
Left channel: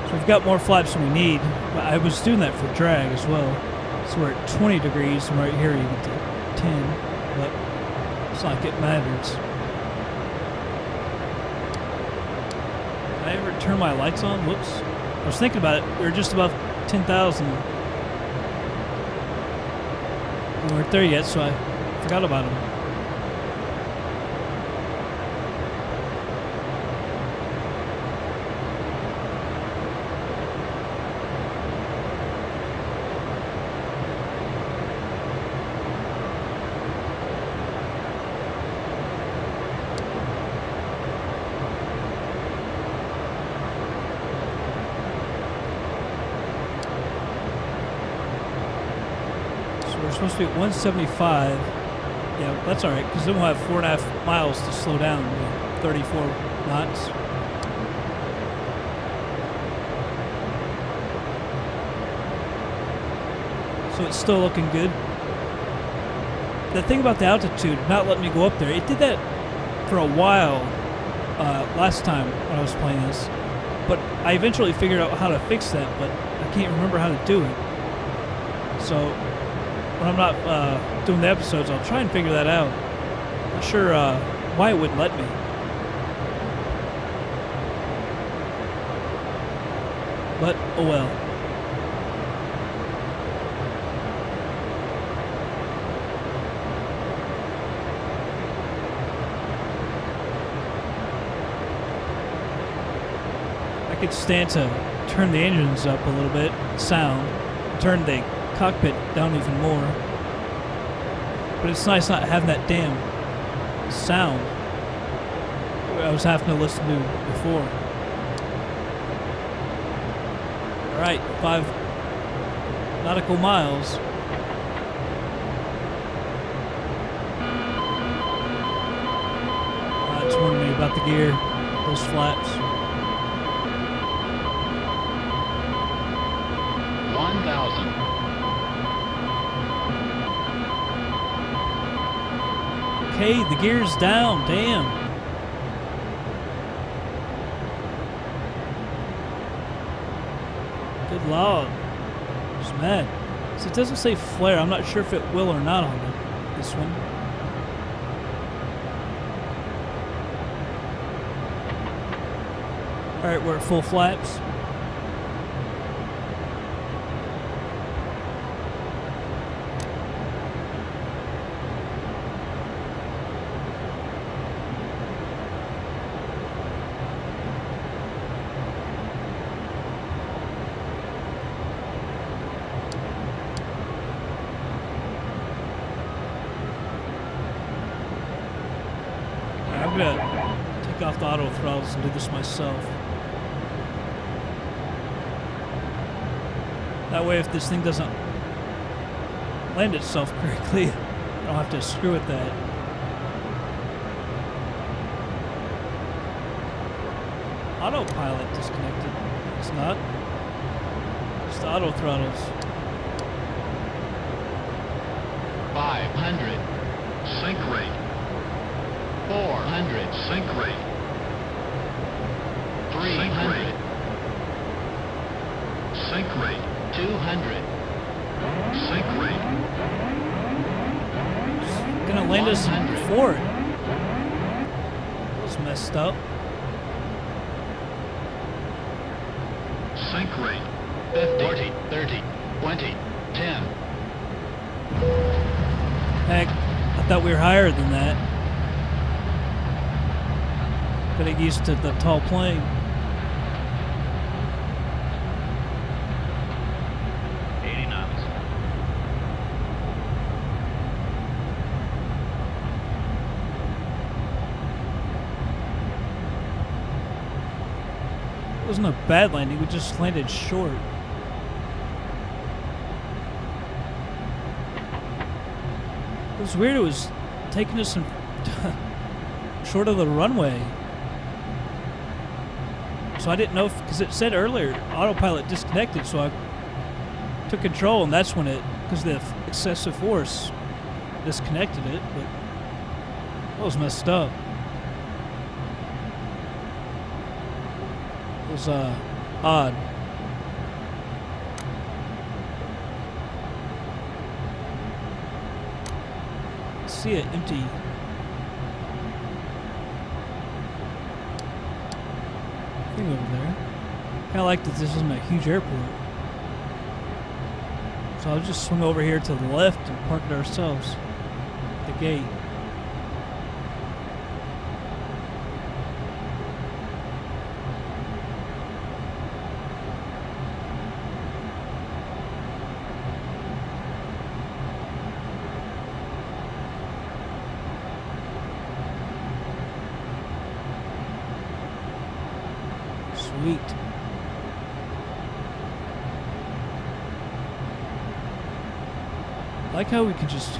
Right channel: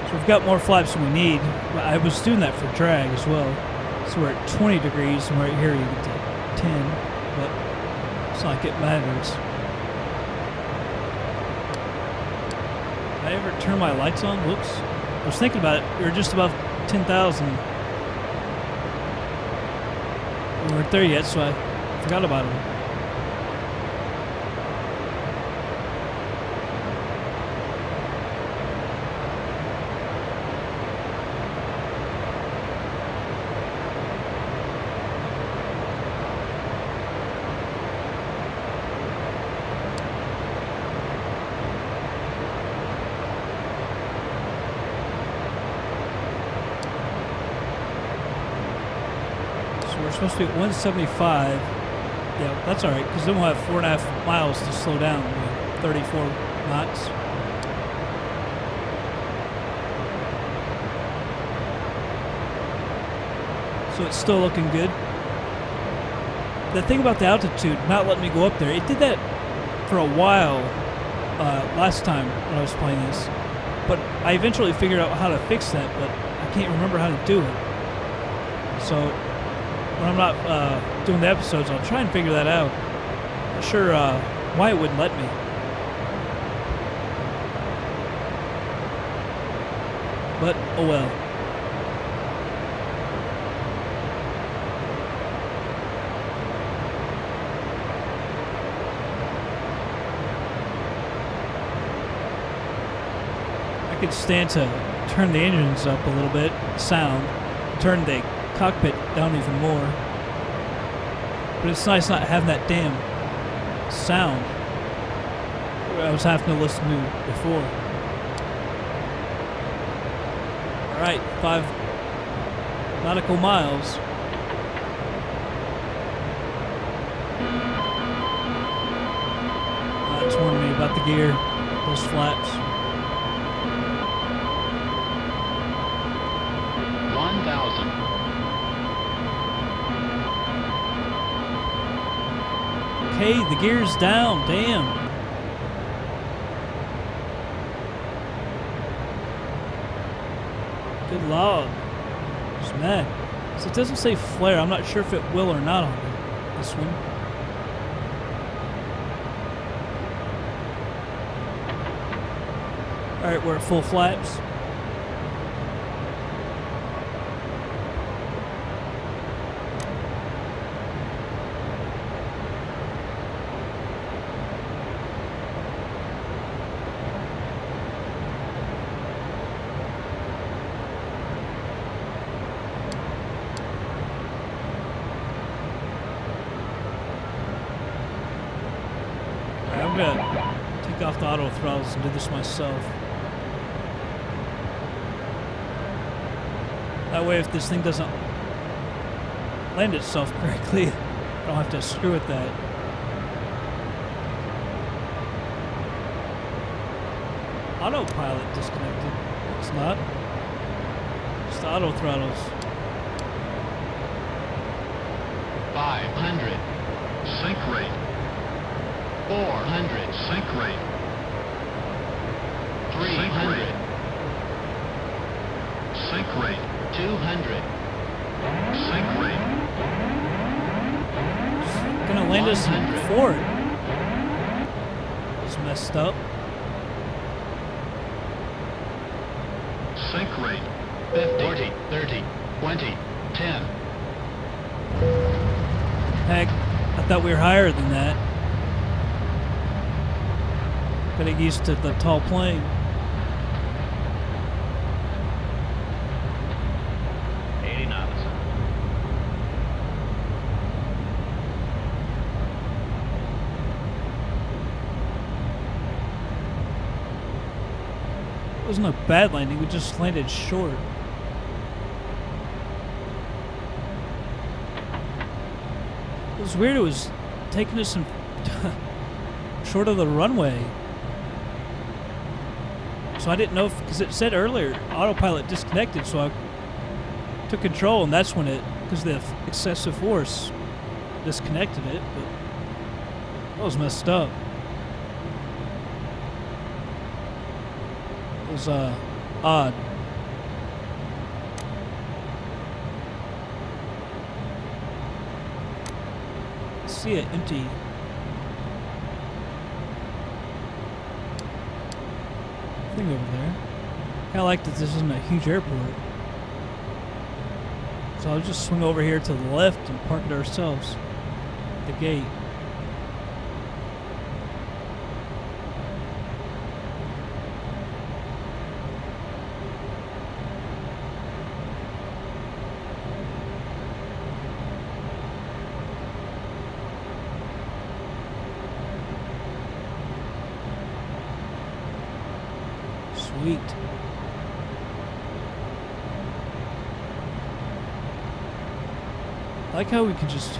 So we've got more flaps than we need. But I was doing that for drag as well. So we're at 20 degrees, and right here you get to 10. But it's not like it matters. Did I ever turn my lights on? Whoops. I was thinking about it. We were just above 10,000. We weren't there yet, so I forgot about them. We're supposed to be at 175. Yeah, that's all right, because then we'll have 4.5 miles to slow down. 34 knots. So it's still looking good. The thing about the altitude not letting me go up there, it did that for a while last time when I was playing this. But I eventually figured out how to fix that, but I can't remember how to do it. So when I'm not doing the episodes, I'll try and figure that out. Not sure why it wouldn't let me. But, oh well. I could stand to turn the engines up a little bit, sound, turn the cockpit down even more, but it's nice not having that damn sound I was having to listen to before. Alright, 5 nautical miles. It's warning me about the gear, those flaps. 1,000. Okay, the gear's down. Damn. Good lord. Just mad. So it doesn't say flare. I'm not sure if it will or not on this one. Alright, we're at full flaps. I'm gonna take off the auto throttles and do this myself. That way, if this thing doesn't land itself correctly, I don't have to screw with that. Autopilot disconnected. It's not. Just the auto throttles. 500. Sink rate. 400. Sink rate. 300. Sink rate. 200. Sink rate. Gonna land us 100. for it. That was messed up. Sink rate. 50. 40, 30, 20, 10. Heck, I thought we were higher than that. Getting used to the tall plane. 80 knots. It wasn't a bad landing, we just landed short. It was weird, it was taking us in short of the runway. So I didn't know if, because it said earlier, autopilot disconnected, so I took control, and that's when it, because the excessive force disconnected it, but that was messed up. It was odd. I see an empty thing over there. Kind of like that this isn't a huge airport. So I'll just swing over here to the left and park it ourselves at the gate. Sweet. I like how we can just,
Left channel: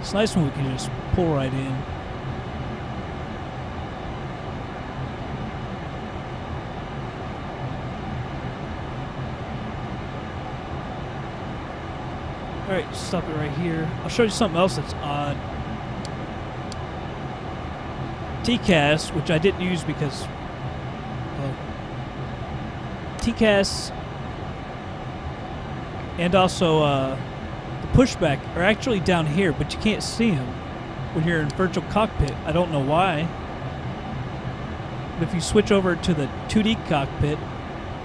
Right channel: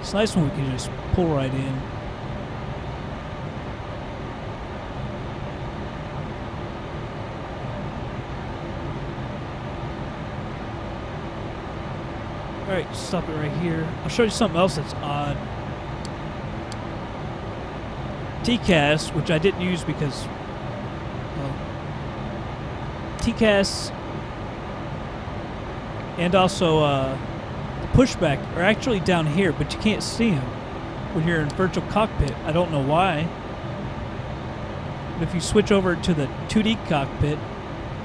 it's nice when we can just pull right in. Alright, stop it right here. I'll show you something else that's odd. TCAS, which I didn't use because, well, TCAS and also the pushback are actually down here, but you can't see them when you're in virtual cockpit. I don't know why. But if you switch over to the 2D cockpit,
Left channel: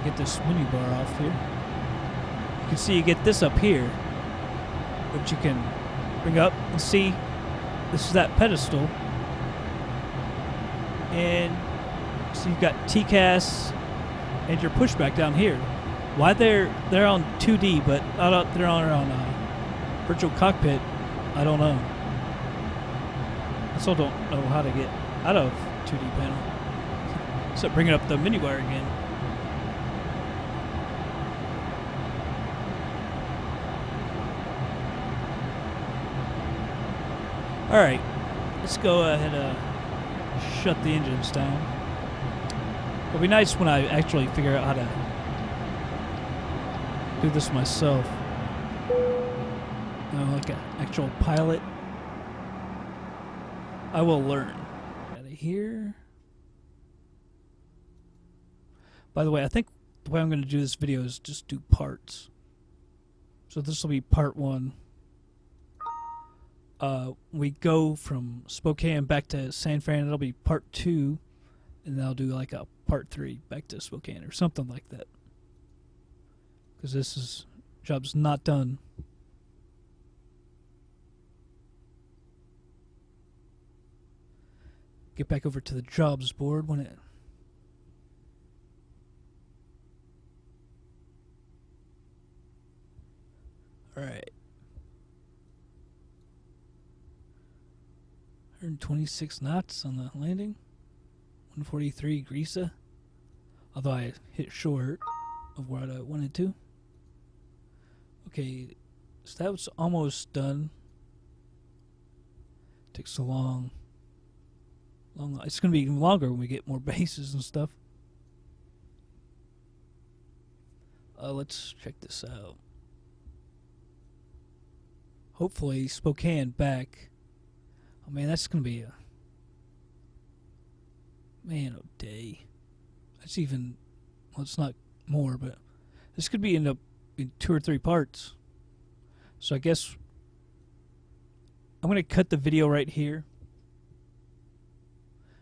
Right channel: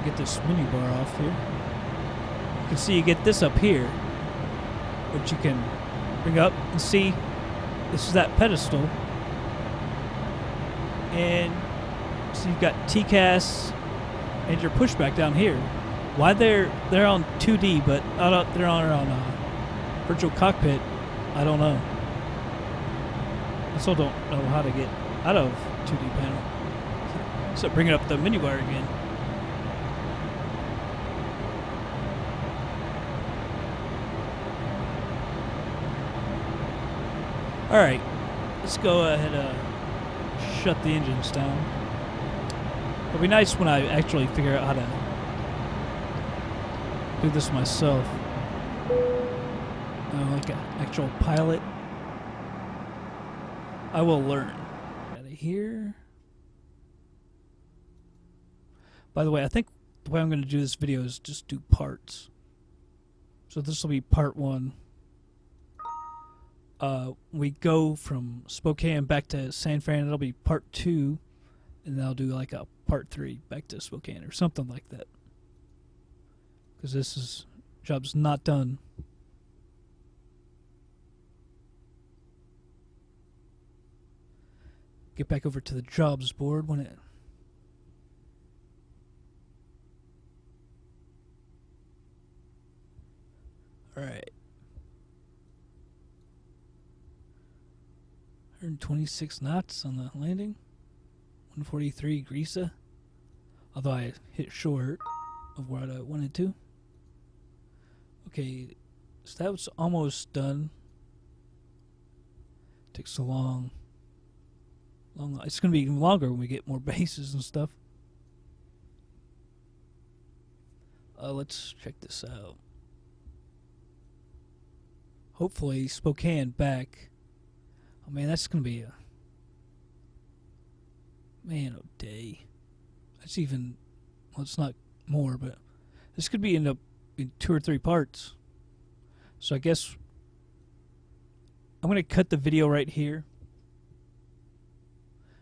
get this menu bar off here, you can see you get this up here, which you can bring up and see. This is that pedestal. And so you've got TCAS and your pushback down here. Why they're on 2D, but they're on virtual cockpit, I don't know. I still don't know how to get out of 2D panel. So bringing up the menu bar again. All right, let's go ahead and shut the engines down. It'll be nice when I actually figure out how to do this myself. Like an actual pilot. I will learn. Out of here. By the way, I think the way I'm going to do this video is just do parts. So this will be part 1. We go from Spokane back to San Fran. It'll be part 2, and then I'll do like a part 3 back to Spokane or something like that. Because this job's not done. Get back over to the jobs board when it. All right. 126 knots on the landing. 143 Greasa. Although I hit short of what I wanted to. Okay, so that was almost done. Takes so long. It's going to be even longer when we get more bases and stuff. Let's check this out. Hopefully Spokane back. Oh man, that's going to be a day. That's even, well, it's not more, but this could be end up in 2 or 3 parts. So I guess I'm going to cut the video right here.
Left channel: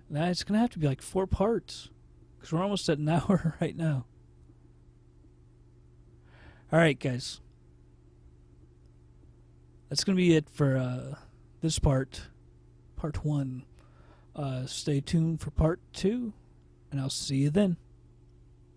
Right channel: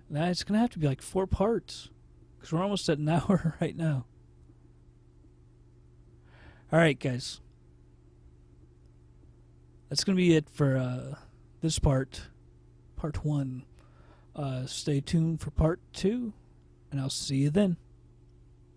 Now it's going to have to be like 4 parts because we're almost at an hour right now. All right, guys. That's going to be it for this part 1. Stay tuned for part 2, and I'll see you then.